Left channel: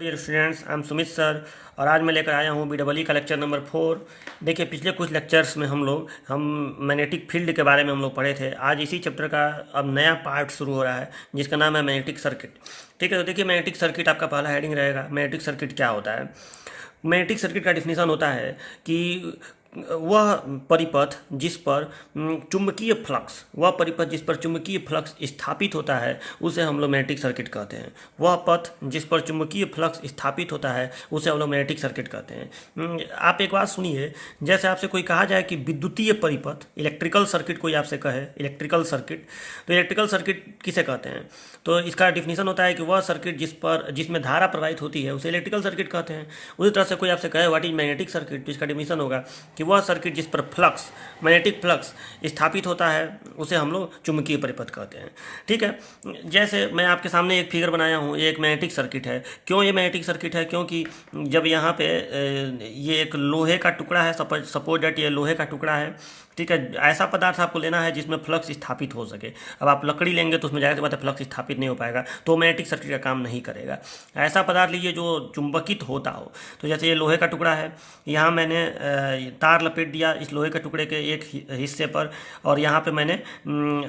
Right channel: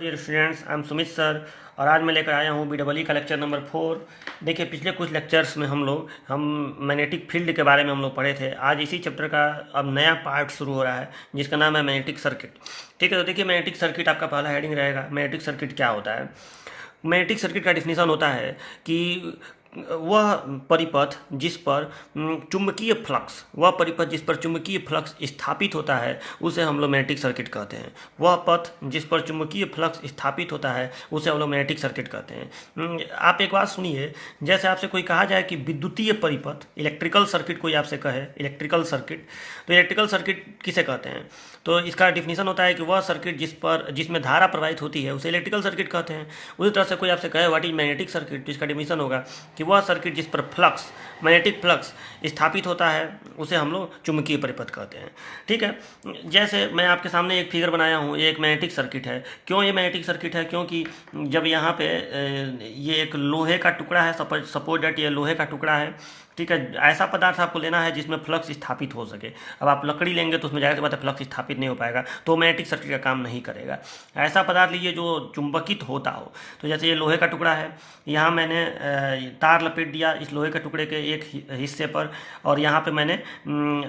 Dear students, I am Sumit sir और आज मैं लेकर आया हूँ BEE का लेक्चर नंबर 4। देखिए, पिछले कुछ लेक्चर्स में हम मैग्नेटिक फील्ड के बारे में हम लोग पढ़े थे। आज इसी चैप्टर का अब नया पार्ट शुरू हो रहा है जिसका नाम है मैग्नेटिक सर्किट। ठीक है, तो देखिए मैग्नेटिक सर्किट आपका पहला हेडिंग रहेगा। मैग्नेटिक सर्किट क्या होता है? मैग्नेटिक सर्किट का डिफिनीशन होता है कि वह परिपथ जिस पर चुंबकीय फ्लक्स वह परिपथ जिस पर चुंबकीय फ्लक्स स्थापित होता है उसे हम लोग मैग्नेटिक सर्किट कहते हैं। वह पथ जिस पर चुंबकीय फ्लक्स स्थापित होता है उसे हम लोग मैग्नेटिक सर्किट कहते हैं। आप एक बात सुनिए, जैसे आपसे कोई कहा जाए कि विद्युतीय परिपथ इलेक्ट्रिकल सर्किट कोई आपसे कहे इलेक्ट्रिकल सर्किट, तो इलेक्ट्रिकल सर्किट किसे कहते हैं? तो इसका डिफिनीशन होता है कि वह सर्किट जिसमें धारा प्रवाहित होती है उसे इलेक्ट्रिकल सर्किट कहते हैं। उसी तरह से कोई आपसे कहे व्हाट इज मैग्नेटिक सर्किट, तो इसका डिफिनीशन होगा कि वह सर्किट जिस पर मैग्नेटिक फ्लक्स स्थापित होता है उसे हम लोग चुंबकीय परिपथ कहते हैं। ठीक है, जैसे मैं आपके सामने एक फिगर बनाया हूँ, ये एक मैग्नेटिक सर्किट है। क्यों ये मैग्नेटिक सर्किट है? क्योंकि जब यहाँ पे ये एक लोहे का टुकड़ा है, सपोज डेट ये लोहे का टुकड़ा है। ठीक है, ऐसा पदार्थ आपको लेना है जिसमें फ्लक्स स्थापित हो सके। अब आप लकड़ी लेंगे तो उसमें जाहिर सी बात है फ्लक्स स्थापित नहीं हो पाएगा, तो मैग्नेटिक सर्किट का काम नहीं करेगा। ऐसा पदार्थ लीजिए जो चुंबकित होता हो। तो जैसे ये लोहे का टुकड़ा है, यहाँ मैंने तार लपेट दिया इस लोहे के टुकड़े के एक हिस्से पर, और यहाँ पे मैंने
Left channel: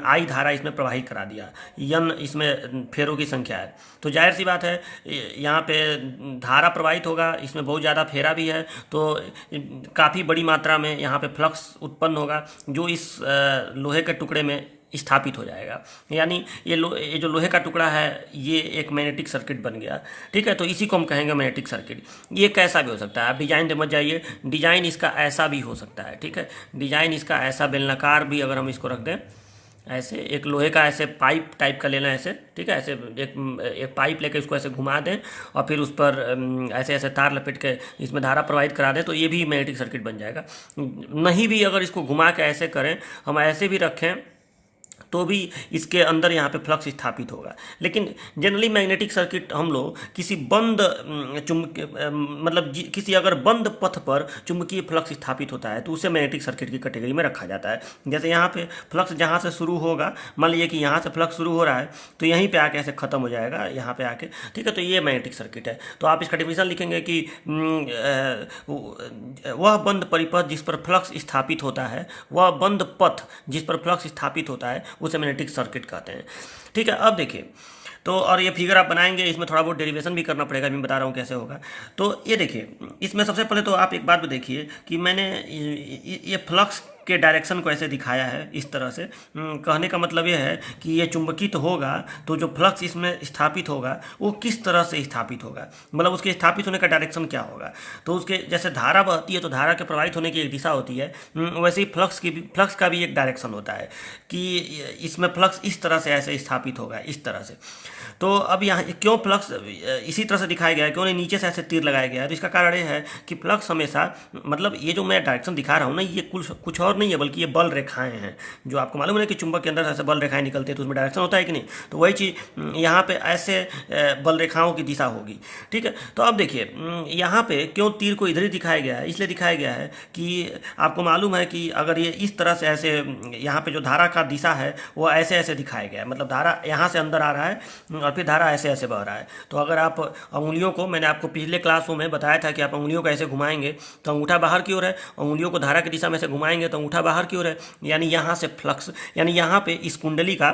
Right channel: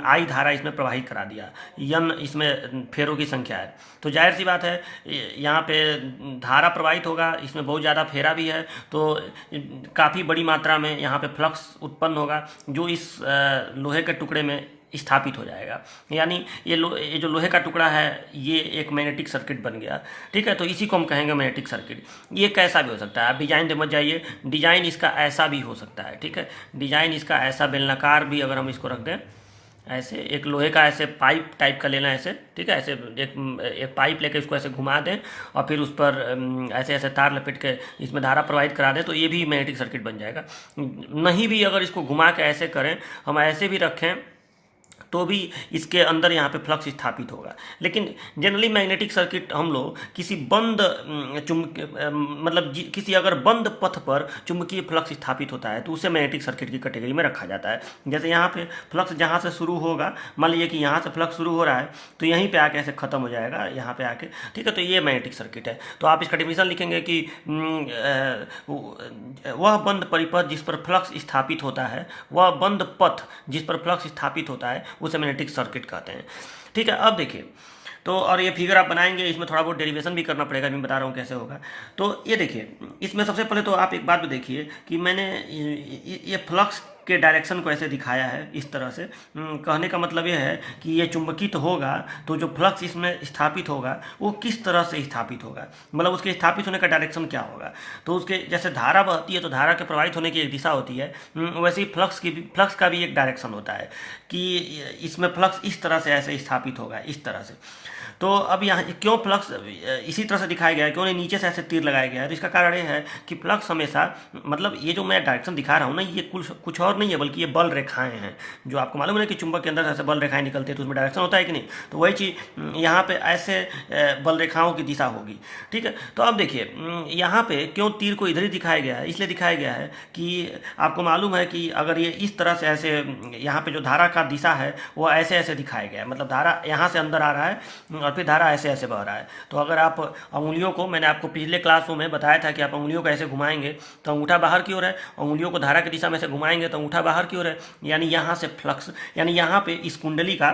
आई धारा इसमें प्रवाहित करा दिया। यन इसमें फेरों की संख्या है, तो जाहिर सी बात है यहाँ पे धारा प्रवाहित होगा, इसमें बहुत ज़्यादा फेरा भी है, तो काफ़ी बड़ी मात्रा में यहाँ पे फ्लक्स उत्पन्न होगा जो इस लोहे के टुकड़े में स्थापित हो जाएगा। यानी ये जो लोहे का टुकड़ा है ये एक मैग्नेटिक सर्किट बन गया। ठीक है, तो इसी को हम कहेंगे मैग्नेटिक सर्किट। ये कैसा भी हो सकता है, आप डिजाइन समझ जाइए। डिजाइन इसका ऐसा भी हो सकता है। ठीक है, डिजाइन इसका ऐसा बेलनाकार भी अगर हम इसको रख दें ऐसे, एक लोहे का ऐसे पाइप टाइप का लेना ऐसे। ठीक है, ऐसे एक पाइप लेके इसको ऐसे घुमा दें और फिर उस पर ऐसे ऐसे तार लपेट के इसमें धारा प्रवाहित करा दें, तो ये भी मैग्नेटिक सर्किट बन जाएगा। नहीं भी अगर इसको घुमा के ऐसे करें, हम ऐसे भी रखें, तो भी इसके अंदर यहाँ पे फ्लक्स स्थापित होगा। लेकिन जनरली मैग्नेटिक सर्किट हम लोग किसी बंद किसी अगर बंद पथ पर चुंबकीय फ्लक्स स्थापित होता है तो उसे मैग्नेटिक सर्किट की कैटेगरी में रखा जाता है। जैसे यहाँ पे फ्लक्स जहाँ से शुरू होगा, मान लीजिए कि यहाँ से फ्लक्स शुरू हो रहा है तो यहीं पे आके ऐसे खत्म हो जाएगा यहाँ पे आके। ठीक है, तो ये मैग्नेटिक सर्किट है। तो आप इसका डिफिनीशन लिखेंगे कि वह बंद परिपथ जिस पर फ्लक्स स्थापित होता है, वह बंद पथ जिस पर फ्लक्स स्थापित होता है उसे मैग्नेटिक सर्किट कहते हैं। ठीक है, अब देखिए, तो और ये फिगर आप बनाएंगे, इसमें थोड़ा बहुत डेरिवेशन भी करना पड़ेगा, मैं बता रहा हूँ कैसे होगा। तो ये देखिए, इसमें सबसे पहले तो आप एक बात भी देखिए कि मैंने ये फ्लक्स के डायरेक्शन को ऐसे दिखाया है इस तरह से। कहने का मतलब ये है कि ये चुंबकित होगा तो जो फ्लक्स इसमें स्थापित होगा वो किस तरह से स्थापित होगा, मतलब उसके स्थापित होने का डायरेक्शन क्या होगा। तो उसके जैसे धारा बहती है तो धारा के प्रवाहित होने की एक दिशा होती है, वैसे ही फ्लक्स का भी एक डायरेक्शन होता है कि इसमें फ्लक्स इस तरह से ऐसे स्थापित होगा, इस तरह से। तो अब यहाँ क्यों फ्लक्स इसी तरह से दिखाया गया है, क्यों नहीं नीचे से ऐसे तीर लगाया गया है? तो इसका कारण ये है कि फ्लक्स हमेशा, मतलब ये जो मैं डायरेक्शन दिखा रहा हूँ ना, ये कुछ और नहीं है बल्कि ये बल रेखाएं हैं। जो आपको मालूम है कि चुंबक के अंदर ऐसे बल रेखाएं निकलती है तो उसमें डायरेक्शन होता है कि नहीं, तो वही चीज़ यहाँ पे ऐसे बल रेखाओं की दिशा होगी। ठीक है, तो अब देखिए यहाँ पे क्यों तीर को इधर ही दिखाया गया है? इसलिए दिखाया गया है कि आपको मालूम है कि अगर ये इस तरह से ऐसे यहाँ पे जो धारा का दिशा है वो ऐसे ऐसे दिखाया गया है, मतलब धारा यहाँ से अंदर आ रहा है और फिर धारा ऐसे ऐसे बह रहा है। तो अगर आप अंगुलियों को, मैंने आपको पिछले क्लासों में बताया था कि आप अंगुलियों को ऐसे घुमाएंगे तो अंगूठा बाहर की ओर है, अंगुलियों को धारा की दिशा में से घुमाएंगे तो अंगूठा बाहर की ओर है। यानी यहाँ से फ्लक्स, यानी यहाँ पे इस कुंडली का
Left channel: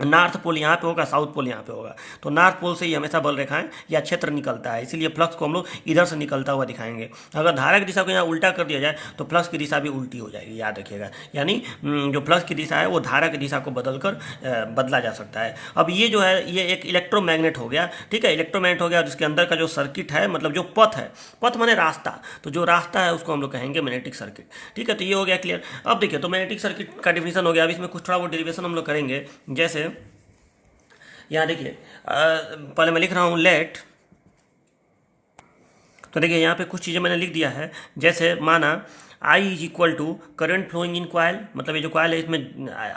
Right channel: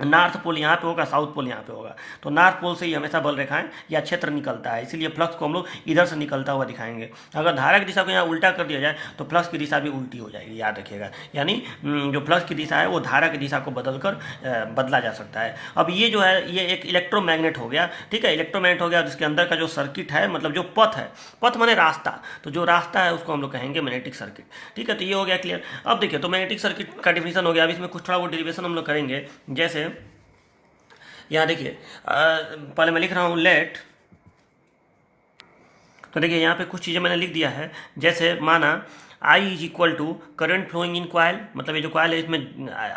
नॉर्थ पोल यहाँ पे होगा, साउथ पोल यहाँ पे होगा, तो नॉर्थ पोल से ही हमेशा बल रेखाएं या क्षेत्र निकलता है, इसीलिए फ्लक्स को हम लोग इधर से निकलता हुआ दिखाएंगे। अगर धारा की दिशा को यहाँ उल्टा कर दिया जाए तो फ्लक्स की दिशा भी उल्टी हो जाएगी, याद रखिएगा। यानी जो फ्लक्स की दिशा है वो धारा की दिशा को बदला जा सकता है। अब ये जो है ये एक इलेक्ट्रोमैग्नेट हो गया। ठीक है, इलेक्ट्रोमैग्नेट हो गया जिसके अंदर का जो सर्किट है, मतलब जो पथ है, पथ माने रास्ता, तो जो रास्ता है उसको हम लोग कहेंगे मैग्नेटिक सर्किट। ठीक है, तो ये हो गया क्लियर। अब देखिए, तो मैग्नेटिक सर्किट का डिफिनीशन हो गया। अब इसमें कुछ थोड़ा वो डेरिवेशन हम लोग करेंगे। जैसे यहाँ देखिए, पहले मैं लिख रहा हूँ लेट, तो देखिए यहाँ पे कुछ चीज़ें मैंने लिख दिया है। जैसे माना I is equal to current flowing in coil, मतलब ये जो क्वाइल है इसमें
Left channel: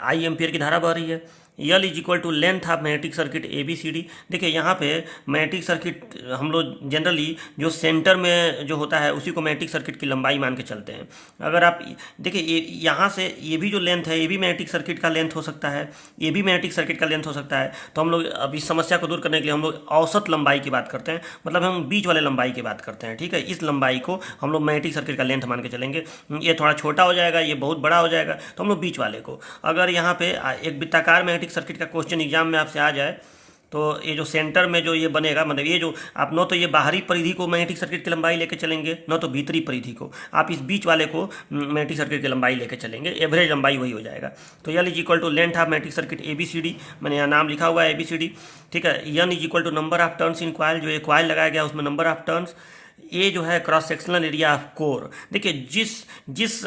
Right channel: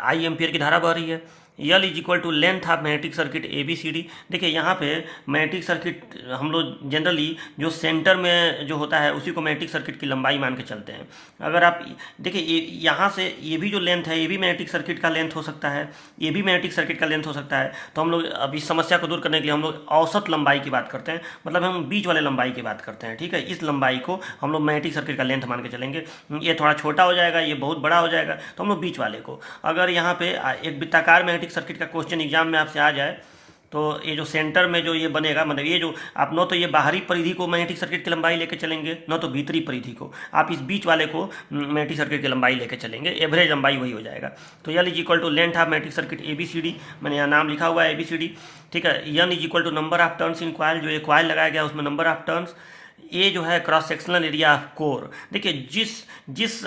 I एम्पियर की धारा बह रही है। L is equal to length of magnetic circuit A B C D. देखिए यहाँ पे मैग्नेटिक सर्किट हम लोग जनरली जो सेंटर में जो होता है उसी को मैग्नेटिक सर्किट की लंबाई मान के चलते हैं। अगर आप देखिए यहाँ से ये भी जो लेंथ है ये भी मैग्नेटिक सर्किट का लेंथ हो सकता है, ये भी मैग्नेटिक सर्किट का लेंथ हो सकता है। तो हम लोग अब इस समस्या को दूर करने के लिए हम लोग औसत लंबाई की बात करते हैं, मतलब हम बीच वाले लंबाई की बात करते हैं। ठीक है, इस लंबाई को हम लोग मैग्नेटिक सर्किट का लेंथ मान के चलेंगे। ये थोड़ा छोटा हो जाएगा, ये बहुत बड़ा हो जाएगा, तो हम लोग बीच वाले को। अगर यहाँ पे एक वृत्ताकार मैग्नेटिक सर्किट का क्वेश्चन एग्जाम में आपसे आ जाए तो ये जो सेंटर में जो ये बनेगा, मतलब ये जो आप न तो ये बाहरी परिधि को मैग्नेटिक सर्किट की लंबाई लेके चलेंगे, न तो भीतरी परिधि को, आप इस बीच वाले को मैग्नेटिक सर्किट की लंबाई लेके चलेंगे, एवरेज लंबाई वही हो जाएगा। तो L is equal to length of magnetic circuit A B C D, मैंने यहाँ नाम लिखा हुआ है ए बी सी डी। ठीक है, N is equal to number of turns in coil, जो ये कॉइल लगाया गया उसमें नंबर ऑफ टर्न्स। ये जो है cross sectional area of core. देखिए जिस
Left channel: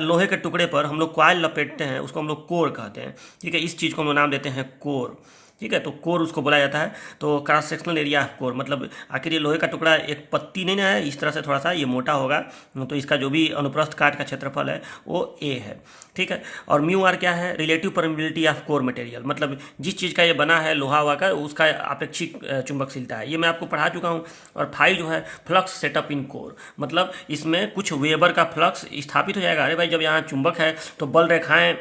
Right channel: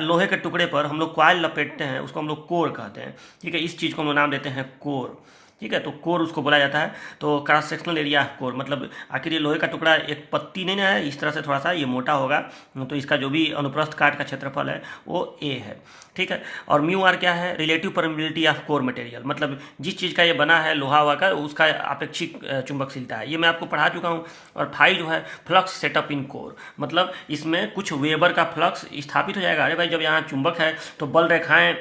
लोहे के टुकड़े पर हम लोग कॉइल लपेटते हैं उसको हम लोग कोर कहते हैं। ठीक है, इस चीज़ को हम लोग नाम देते हैं कोर। ठीक है, तो कोर उसको बोला जाता है। तो cross sectional area of core मतलब आखिर ये लोहे का टुकड़ा एक पत्ती नहीं ना है, इस तरह से थोड़ा सा ये मोटा होगा, तो इसका जो भी अनुप्रस्थ काट का क्षेत्रफल है वो ए है। ठीक है, और म्यू आर क्या है, relative permeability of core material, मतलब जिस चीज़ का ये बना है लोहा हुआ का उसका अपेक्षिक चुंबकशीलता है, ये मैं आपको पढ़ा चुका हूँ। और फाई जो है फ्लक्स सेटअप इन कोर, मतलब इसमें कुछ वेबर का फ्लक्स स्थापित हो जाएगा। अरे भाई जब यहाँ चुंबक है तो बल रेखाएं,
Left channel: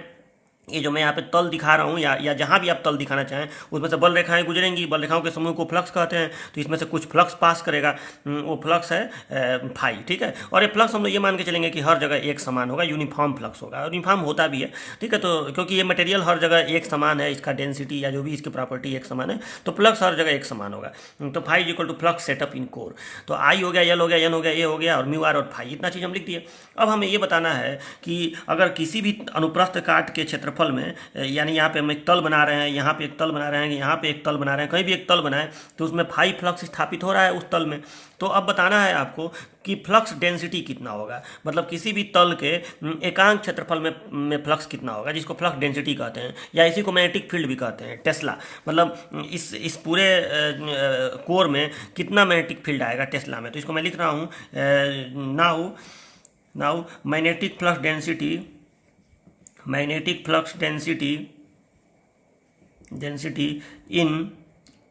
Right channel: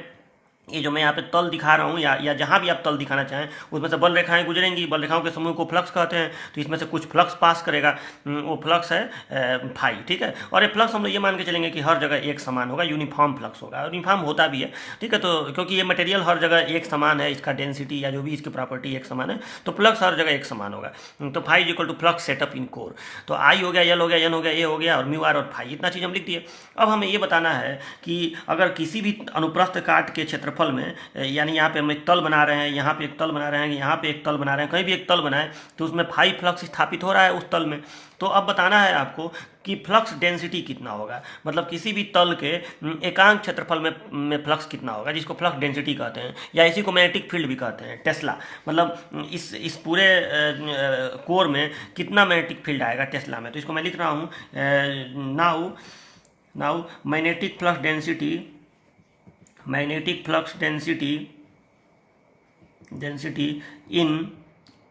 ये जो मैं यहाँ पे तल दिखा रहा हूँ या जहाँ भी आप तल दिखाना चाहें उसमें से बल रेखाएं गुजरेंगी, बल रेखाओं के समूह को फ्लक्स कहते हैं। तो इसमें से कुछ फ्लक्स पास करेगा, वो फ्लक्स है फाई। ठीक है, और ये फ्लक्स हम लोग ये मान के चलेंगे कि हर जगह एक समान होगा, यूनिफॉर्म फ्लक्स होगा, यूनिफॉर्म होता भी है। ठीक है, तो क्योंकि ये मटेरियल हर जगह एक समान है, इसका डेंसिटी या जो भी इसकी प्रॉपर्टी एक समान है, तो फ्लक्स हर जगह एक समान होगा। तो phi is equal to flux setup in core. तो आई हो गया, यल हो गया, एन हो गया, ए हो गया, और म्यू आर और फाई, इतना चीज़ हम लिख दिए। अब हमें ये बताना है कि अगर किसी भी अनुप्रस्थ काट के क्षेत्रफल में, यानी यहाँ पे हम एक तल बना रहे हैं, यहाँ पे एक तल बना रहे हैं, यहाँ पे एक तल बना रहे हैं, कहीं भी एक तल बनाए तो उसमें फाई फ्लक्स स्थापित हो रहा है उस तल में। तो अब बताना है आपको कि फ्लक्स डेंसिटी कितना होगा, मतलब किसी भी तल के एकांक क्षेत्रफल में फ्लक्स कितना होगा, जिसको फ्लक्स डेंसिटी कहते हैं, या इसी को मैग्नेटिक फील्ड भी कहते हैं, टेस्ला। मतलब इस पूरे कोर में कितना मैग्नेटिक फील्ड आएगा टेस्ला में। तो इसको मैं लिख रहा हूँ, now magnetic flux density in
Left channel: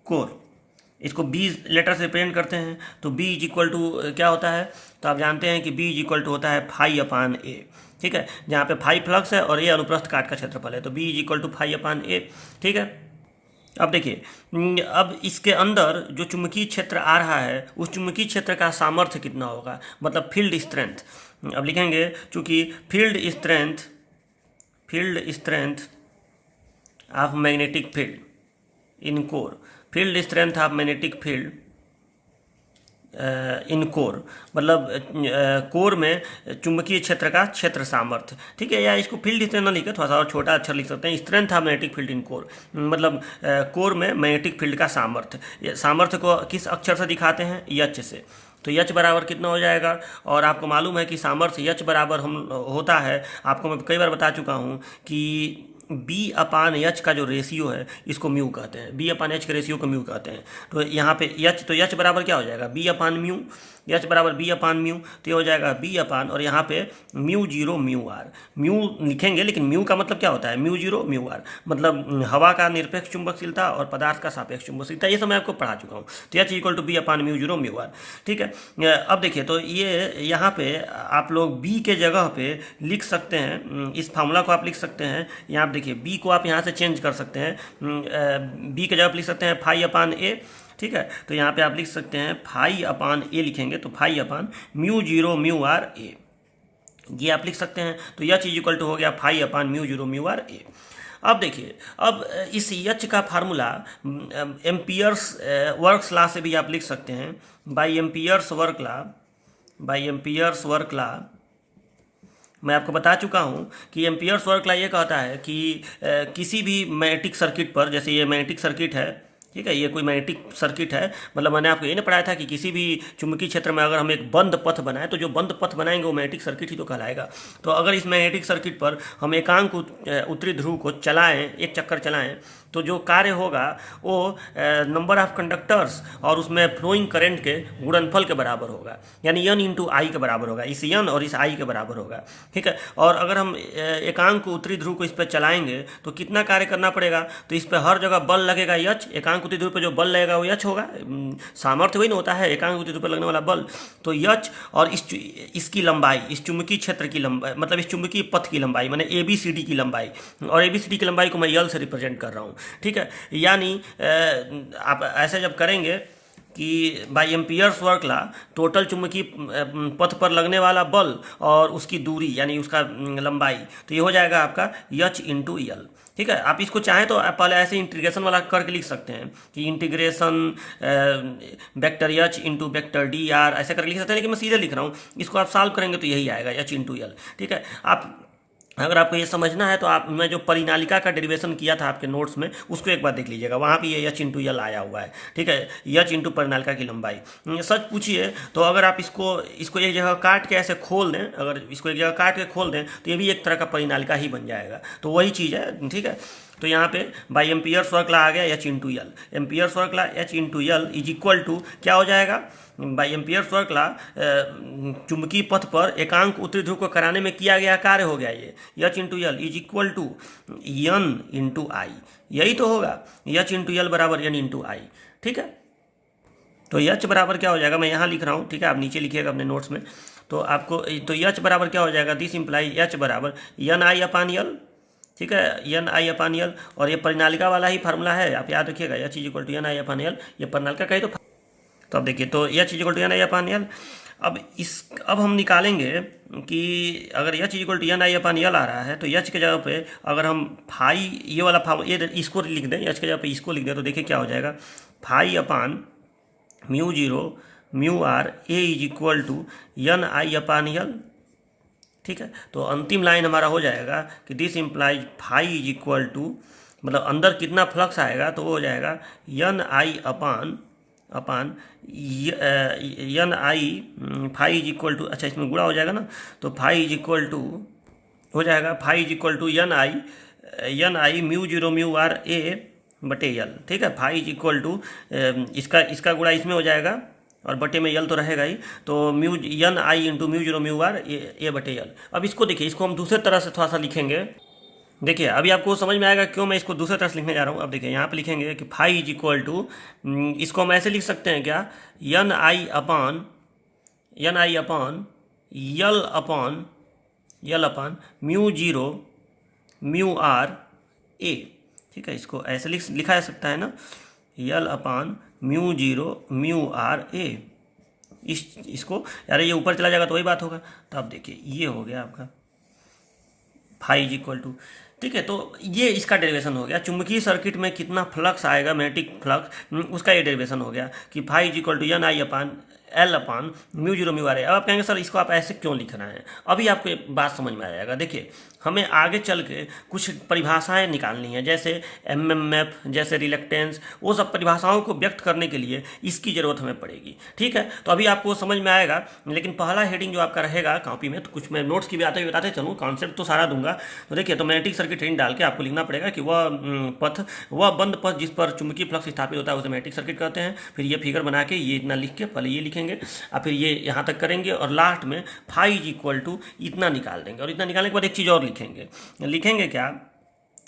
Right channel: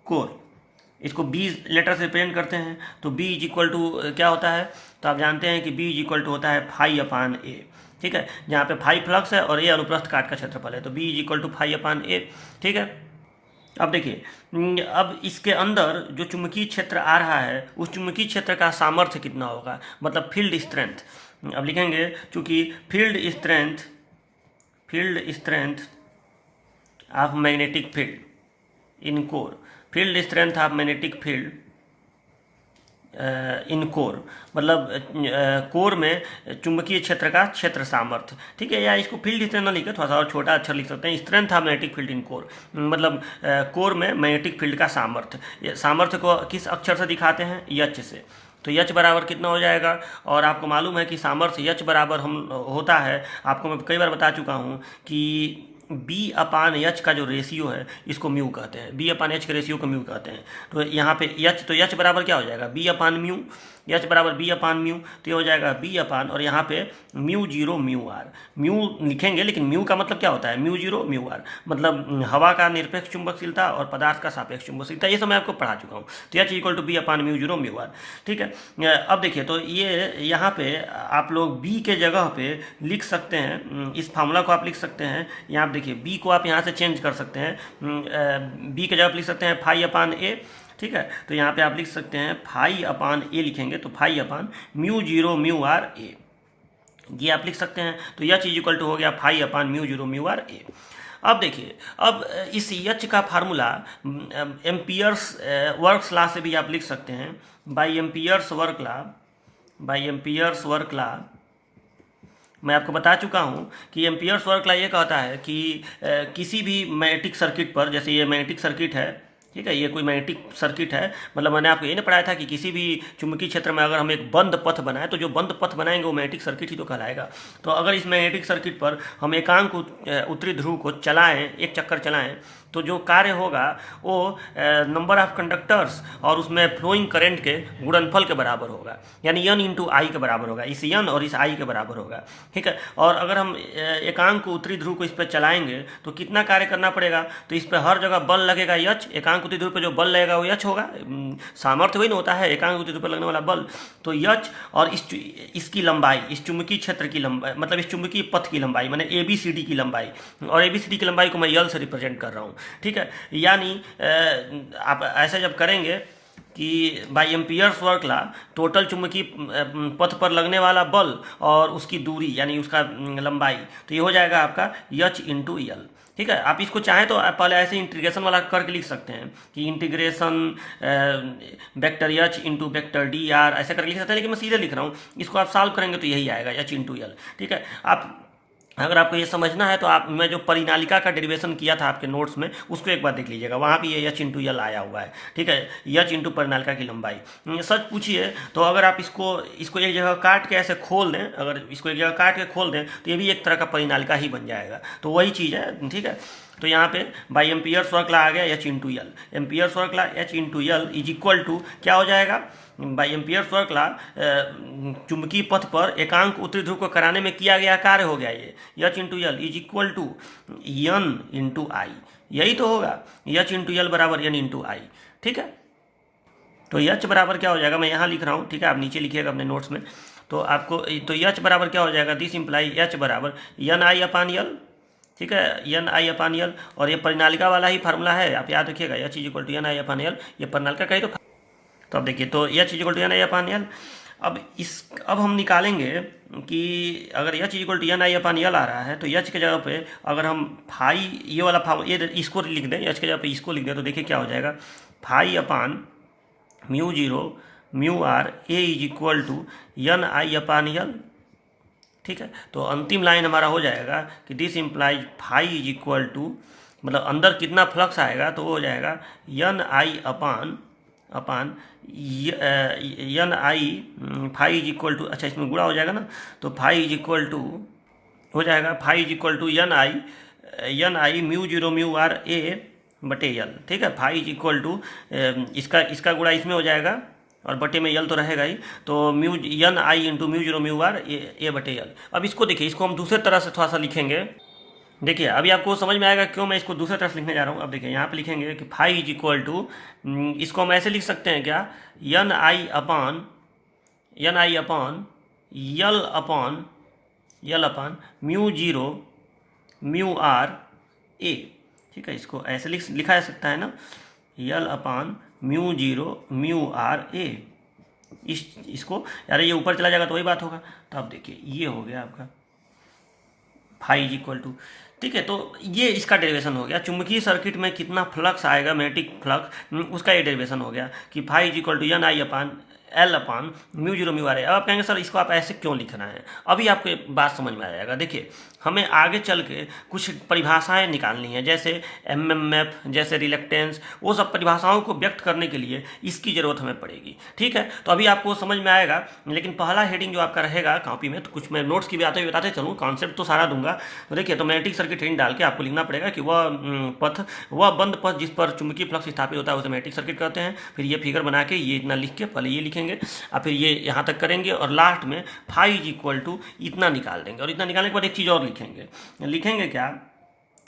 core, इसको बी लेटर से रिप्रेजेंट करते हैं। तो बी इज इक्वल टू क्या होता है, तो आप जानते हैं कि बी इज इक्वल टू होता है फाई अपान ए। ठीक है, जहाँ पे फाई फ्लक्स है और ए अनुप्रस्थ काट का क्षेत्रफल है, तो B is equal to phi upon A. ठीक है, अब देखिए, अब इसके अंदर जो चुंबकीय क्षेत्र आ रहा है उस चुंबकीय क्षेत्र का सामर्थ्य कितना होगा, मतलब फील्ड स्ट्रेंथ। अब लिखेंगे, चूंकि field strength of magnetic field in core, field strength of magnetic field in core, मतलब कोर में चुंबकीय क्षेत्र का क्षेत्र सामर्थ्य। ठीक है, या इसको फील्ड स्ट्रेंथ ना लिखे, थोड़ा सा और छोटा अक्षर लिख सकते हैं, strength of magnetic field in core, मतलब कोर में मैग्नेटिक फील्ड का सामर्थ्य। सामर्थ्य को किस अक्षर से दिखाते हैं, एच से। तो एच बराबर कितना हो जाएगा, और आपको मालूम है कि सामर्थ्य एच बराबर हम होता है, आपको मैं कई बार बता चुका हूँ कि बी अपान एच का जो रेशियो है इसको म्यू कहते हैं, बी अपान एच के रेशियो को म्यू कहते हैं। तो यहाँ पे एच, तो एच बराबर क्या हो जाएगा, बी अपान म्यू, एच बराबर बी अपान म्यू, तो ये हो जाएगा बी अपान, और यहाँ पे mu zero mu R, mu लिखेंगे लेकिन म्यू का मतलब क्या होता है, म्यू जीरो म्यू आर, मतलब हवा का निरपेक्ष चुंबकशीलता और पदार्थ का सापेक्ष चुंबकशीलता, ये सब मैं आपको पढ़ा चुका हूँ। तो H equal to B upon mu zero mu R. ठीक है, अब देखिए, तो ये यहाँ पे आप लोग बी के जगह पे लिख सकते हैं, इस फार्मूला को आप लिख सकते हैं। यहाँ देखिए, बी को आप यहाँ से चेंज कर सकते हैं, बी के जगह पे लिख सकते हैं फाई अपान ए। ठीक है, तो यहाँ पे आप लिख सकते हैं फाई अपान ए, लिखेंगे तो phi upon mu zero mu are A, ये आप लिख सकते हैं। तो यह चीज इक्वल टू हो गया phi upon mu zero mu are A. अब देखिए, अब इस एच का फार्मूला एम्पियर्स वर्क लॉ से भी आप लिख सकते हैं, बाई एम्पियर्स वर्क लॉ। मैं आपको बता चुका हूँ कि एम्पियर्स वर्क लॉ ये कहता है कि किसी भी मैग्नेटिक सर्किट पर, जैसे ये मैग्नेटिक सर्किट है, ठीक है, ये कोई मैग्नेटिक सर्किट है, मतलब मैंने आपको ये नहीं पढ़ाया था कि किसी भी चुंबकीय क्षेत्र में अगर हम एक बंद पथ बनाएं तो जो बंद पथ बनाएंगे वो मैग्नेटिक सर्किट ही तो कहलाएगा। तो अगर इस मैग्नेटिक सर्किट पर हम एकांक उत्तरी ध्रुव को चलाएं, एक चक्कर चलाएं, तो जो कार्य होगा वो नंबर ऑफ कंडक्टर्स और उसमें फ्लोइंग करंट के गुणनफल के बराबर होगा, यानी n इंटू आई के बराबर होगा, इस n और इस i के बराबर होगा। ठीक है, और अगर हम एकांक उत्तरी ध्रुव को इस पर चलाएंगे तो कितना कार्य करना पड़ेगा, तो इस पर हर जगह बल लगेगा h, एकांक उत्तरी ध्रुव पर जो बल लगेगा वो h होगा, सामर्थ्य वही ना होता है एकांक उत्तरी ध्रुव पर लगने वाला बल, तो h और इसकी लंबाई, इस चुंबकीय क्षेत्र की लंबाई, मतलब इस चुंबकीय पथ की लंबाई, मैंने ABCD की लंबाई, और ABCD की लंबाई को मैं यल से रिप्रेजेंट कर रहा हूँ। ठीक है, यानी आप ऐसा जब करेंगे कि by Ampere's work law total चुंबकीय पथ पर लगने वाला बल और उसकी दूरी यानी उसका लंबाई, तो ये हो जाएगा आपका h इंटू यल। ठीक है, आप इसको चाहें तो आप पहले ऐसे इंटीग्रेशन वाला करके लिख सकते हैं कि integration vector h into vector D R, ऐसे करके लिख सकते हैं, लेकिन मैं सीधे लिख रहा हूँ, इसको आप सॉल्व करेंगे तो यही आएगा h इंटू यल। ठीक है, आप अगर आपको ये समझना है तो आप, मैं जो परिनालिका का डेरिवेशन किया था आपके नोट्स में उसको एक बार देख लीजिएगा, वहाँ भी ये h इंटू यल आया हुआ है। ठीक है, h इंटू परिनालिका की लंबाई। सच पूछिए तो अगर आप इसको एक जगह काट के ऐसे खोल दें, अगर इसको एक जगह काट के खोल दें तो ये भी एक तरह का परिनालिका ही बन जाएगा, तो वही चीज़ है। ठीक है, तो यहाँ पे बाई एम्पियर्स वर्क ला आ गया h into L, Ampere's work law h into L is equal to क्या हो जाएगा, बाई एम्पियर्स वर्क ला चुंबकीय पथ पर एकांक उत्तरी ध्रुव को कराने में किया गया कार्य हो गया ये h into L is equal to n into I, यही तो होगा, h इंटू यल बराबर n इंटू आई। ठीक है, तो h बराबर क्या हो जाएगा, मैं यहाँ लिख रहा हूँ, ठीक है, आप नीचे लिखिएगा अपने नोट्स में, तो आपको तो h बराबर क्या हो जाएगा, दिस इम्प्लाई h बराबर n i अपान यल। ठीक है, n i अपान यल, और ये परिनालिका वाला ही फार्मूला है, आप याद रखिएगा, h is equal to n i upon L, ये परिनालिका का ही तो अब देखिए, तो h equal to n i upon L. अब हम निकालेंगे कि अगर h equal to n i upon L आ रहा है तो h के जगह पे अगर हम फाई ये वाला ये इसको लिख दें, h के जगह पे इसको लिख दें, तो देखिए क्या हो जाएगा, phi upon mu zero mu are A is equal to n i upon L. ठीक है, तो अंतिम लाइन हमारा हो जाएगा कि this implies phi is equal to, मतलब अंदर कितना फ्लक्स आएगा तो वो हो जाएगा n i upon n i phi is equal to, अच्छा इसमें गुणा हो जाएगा ना, तो फाई इज इक्वल टू हो जाएगा, phi is equal to n i mu zero mu are A बटे यल। ठीक है, फाई इज इक्वल टू इसका गुणा इसमें हो जाएगा और बटे में यल तो रहेगा ही, तो mu n i into mu zero mu are A बटे यल। अब इसको देखिए, इसको हम दूसरे तरह से थोड़ा सा लिखेंगे, देखिए अभी आपको समझ में आएगा क्यों मैं इसको दूसरे तरह से लिखने जा रहा हूँ। अब देखिए यहाँ पे लिखेंगे कि फाई इज इक्वल टू, इसको हम ऐसे लिख सकते हैं क्या, n i upon L upon mu zero mu are A. ठीक है, इसको ऐसे लिखा जा सकता है ना, L upon mu zero mu are A. इसको यार ये ऊपर चला जाएगा तो वही बात होगा, तो अब देखिए ये हो गया आपका फाई इज इक्वल टू। ठीक है, तो ये इसका डेरिवेशन हो गया, चुंबकीय सर्किट में कितना फ्लक्स आएगा, मैग्नेटिक फ्लक्स, उसका ये डेरिवेशन हो गया कि phi is equal to n i upon L upon mu zero mu are A. अब आप कहेंगे सर इसको आप ऐसे क्यों लिखना है, अभी आपको ये बात समझ में आ जाएगा। देखिए हमें आगे चल के कुछ परिभाषाएं निकालनी है, जैसे एमएमएफ, जैसे रिलेक्टेंस, वो सब परिभाषाओं को व्यक्त करने के लिए इसकी ज़रूरत हमें पड़ेगी। ठीक है, तो अभी आपको समझ में आएगा, लेकिन पहला हेडिंग जो आपका रहेगा कॉपी में, तो कुछ मैं नोट्स की भी बताते चलूँ, कॉन्सेप्ट तो सारा दूंगा। तो देखिए, तो मैग्नेटिक सर्किट हेडिंग डाल के आपको लिखना पड़ेगा कि वह बंद पथ जिस पर चुंबकीय फ्लक्स स्थापित होता है उसे मैग्नेटिक सर्किट कहते हैं। फिर ये फिगर बना के ये इतना लिख के पहले ये लिखेंगे और फिर ये यहाँ तक करेंगे और लास्ट में फाई इज इक्वल टू इतना निकाल देंगे। और इतना निकालने के बाद एक चीज़ और लिखेंगे क्या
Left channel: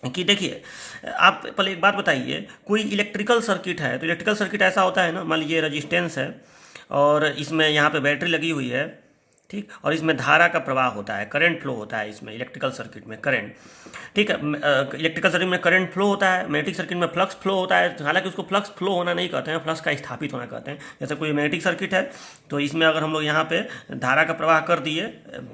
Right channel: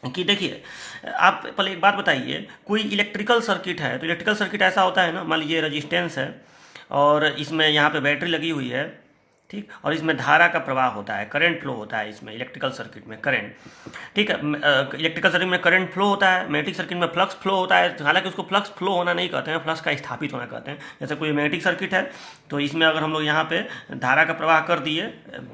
कि देखिए, आप पहले एक बात बताइए, कोई इलेक्ट्रिकल सर्किट है तो इलेक्ट्रिकल सर्किट ऐसा होता है ना, मान लीजिए रेजिस्टेंस है और इसमें यहाँ पे बैटरी लगी हुई है, ठीक, और इसमें धारा का प्रवाह होता है, करंट फ्लो होता है इसमें इलेक्ट्रिकल सर्किट में करंट। ठीक है, इलेक्ट्रिकल सर्किट में करंट फ्लो होता है, मैग्नेटिक सर्किट में फ्लक्स फ्लो होता है। हालांकि उसको फ्लक्स फ्लो होना नहीं कहते हैं, फ्लक्स का स्थापित होना कहते हैं। जैसे कोई मैग्नेटिक सर्किट है तो इसमें अगर हम लोग यहाँ पे धारा का प्रवाह कर दिए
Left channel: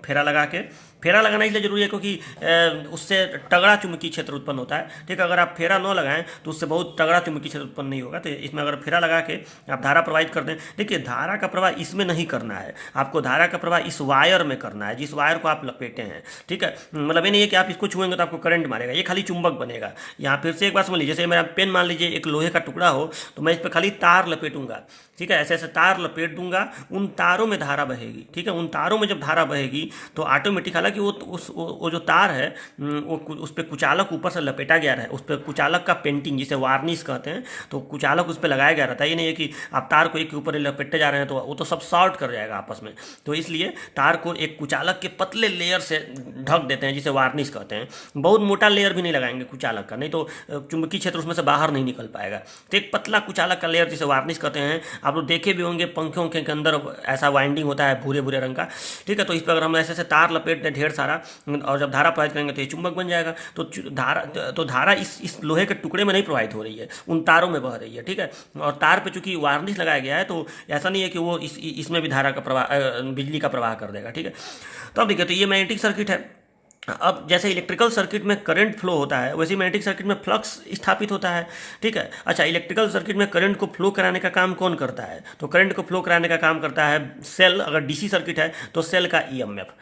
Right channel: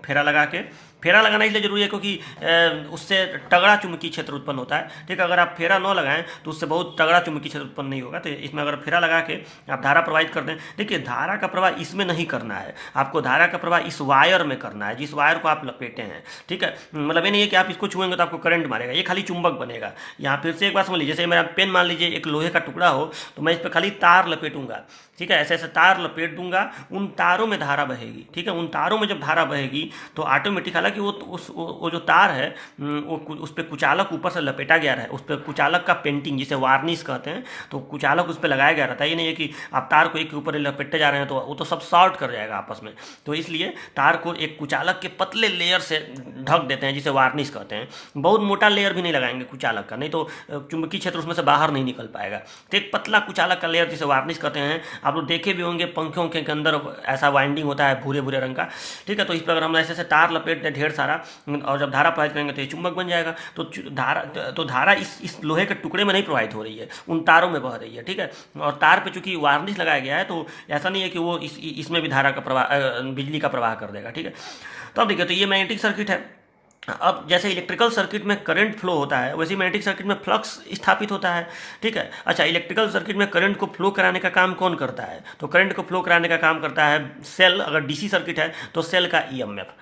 फेरा लगा के, फेरा लगाना इसलिए जरूरी है क्योंकि उससे तगड़ा चुंबकीय क्षेत्र उत्पन्न होता है। ठीक है, अगर आप फेरा न लगाएं तो उससे बहुत तगड़ा चुंबकीय क्षेत्र उत्पन्न नहीं होगा। तो इसमें अगर फेरा लगा के आप धारा प्रवाहित कर दें, देखिए धारा का प्रवाह इसमें नहीं करना है, आपको धारा का प्रवाह इस वायर में करना है, जिस वायर को आप लपेटे हैं। ठीक है, मतलब ये नहीं है कि आप इसको छुएंगे तो आपको करंट मारेगा, ये खाली चुंबक बनेगा। यहाँ फिर से एक बात समझ लीजिए, जैसे मेरा पेन मान लीजिए एक लोहे का टुकड़ा हो तो मैं इस पर खाली तार लपेटूंगा ठीक है, ऐसे ऐसे तार लपेट दूंगा, उन तारों में धारा बहेगी। ठीक है, उन तारों में जब धारा बहेगी तो ऑटोमेटिक, हालांकि वो जो तार है उस पर कुचालक ऊपर से लपेटा गया है, उस पर कुचालक का पेंटिंग जिसे वार्निश कहते हैं, तो कुचालक उस पर लगाया गया रहता है। ये नहीं है कि आप तार को एक के ऊपर लपेटते जा रहे हैं तो वो तो सब शॉर्ट कर जाएगा आपस में। तो इसलिए तार को एक कुचालक के पतले लेयर से ढक देते हैं जिसे वार्निश कहते हैं। बहुत मोटा लेयर भी नहीं लगाएंगे कुचालक का, नहीं तो चुंबकीय क्षेत्र उसमें से बाहर नहीं निकल पाएगा। तो एक पतला कुचालक का लेयर जिसे वार्निश कहते हैं, आप लोग देखे भी होंगे पंखों के अंदर ऐसा वाइंडिंग होता है भूरे भूरे रंग का। ठीक है, तो इस पर अगर हम ऐसे ऐसे तार लपेट दें ढेर सारा, और जब धारा प्रवाहित करेंगे तो ये चुंबक बन जाएगा। तो धारा इस लोहे के टुकड़े में नहीं प्रवाहित हो रही है, उन तारों में बह रही है। ठीक है, और तार पे चूंकि वार्निश लगाया गया है तो ऐसा नहीं है कि वो इसमें भी धारा का प्रवाह, बिजली का प्रवाह कर देगा। ठीक है, तो अब देखिए, तो ये मैग्नेटिक सर्किट है। अब जैसे इलेक्ट्रिकल सर्किट में करंट फ्लो होता है, वैसे मैग्नेटिक सर्किट में फ्लक्स स्थापित होता है। ठीक है, अच्छा, इलेक्ट्रिकल सर्किट में करंट को फ्लो कराने का काम कौन करता है? तो करंट को फ्लो कराने का काम करता है सेल, अगर डीसी सर्किट है तो सेल का ईएमएफ।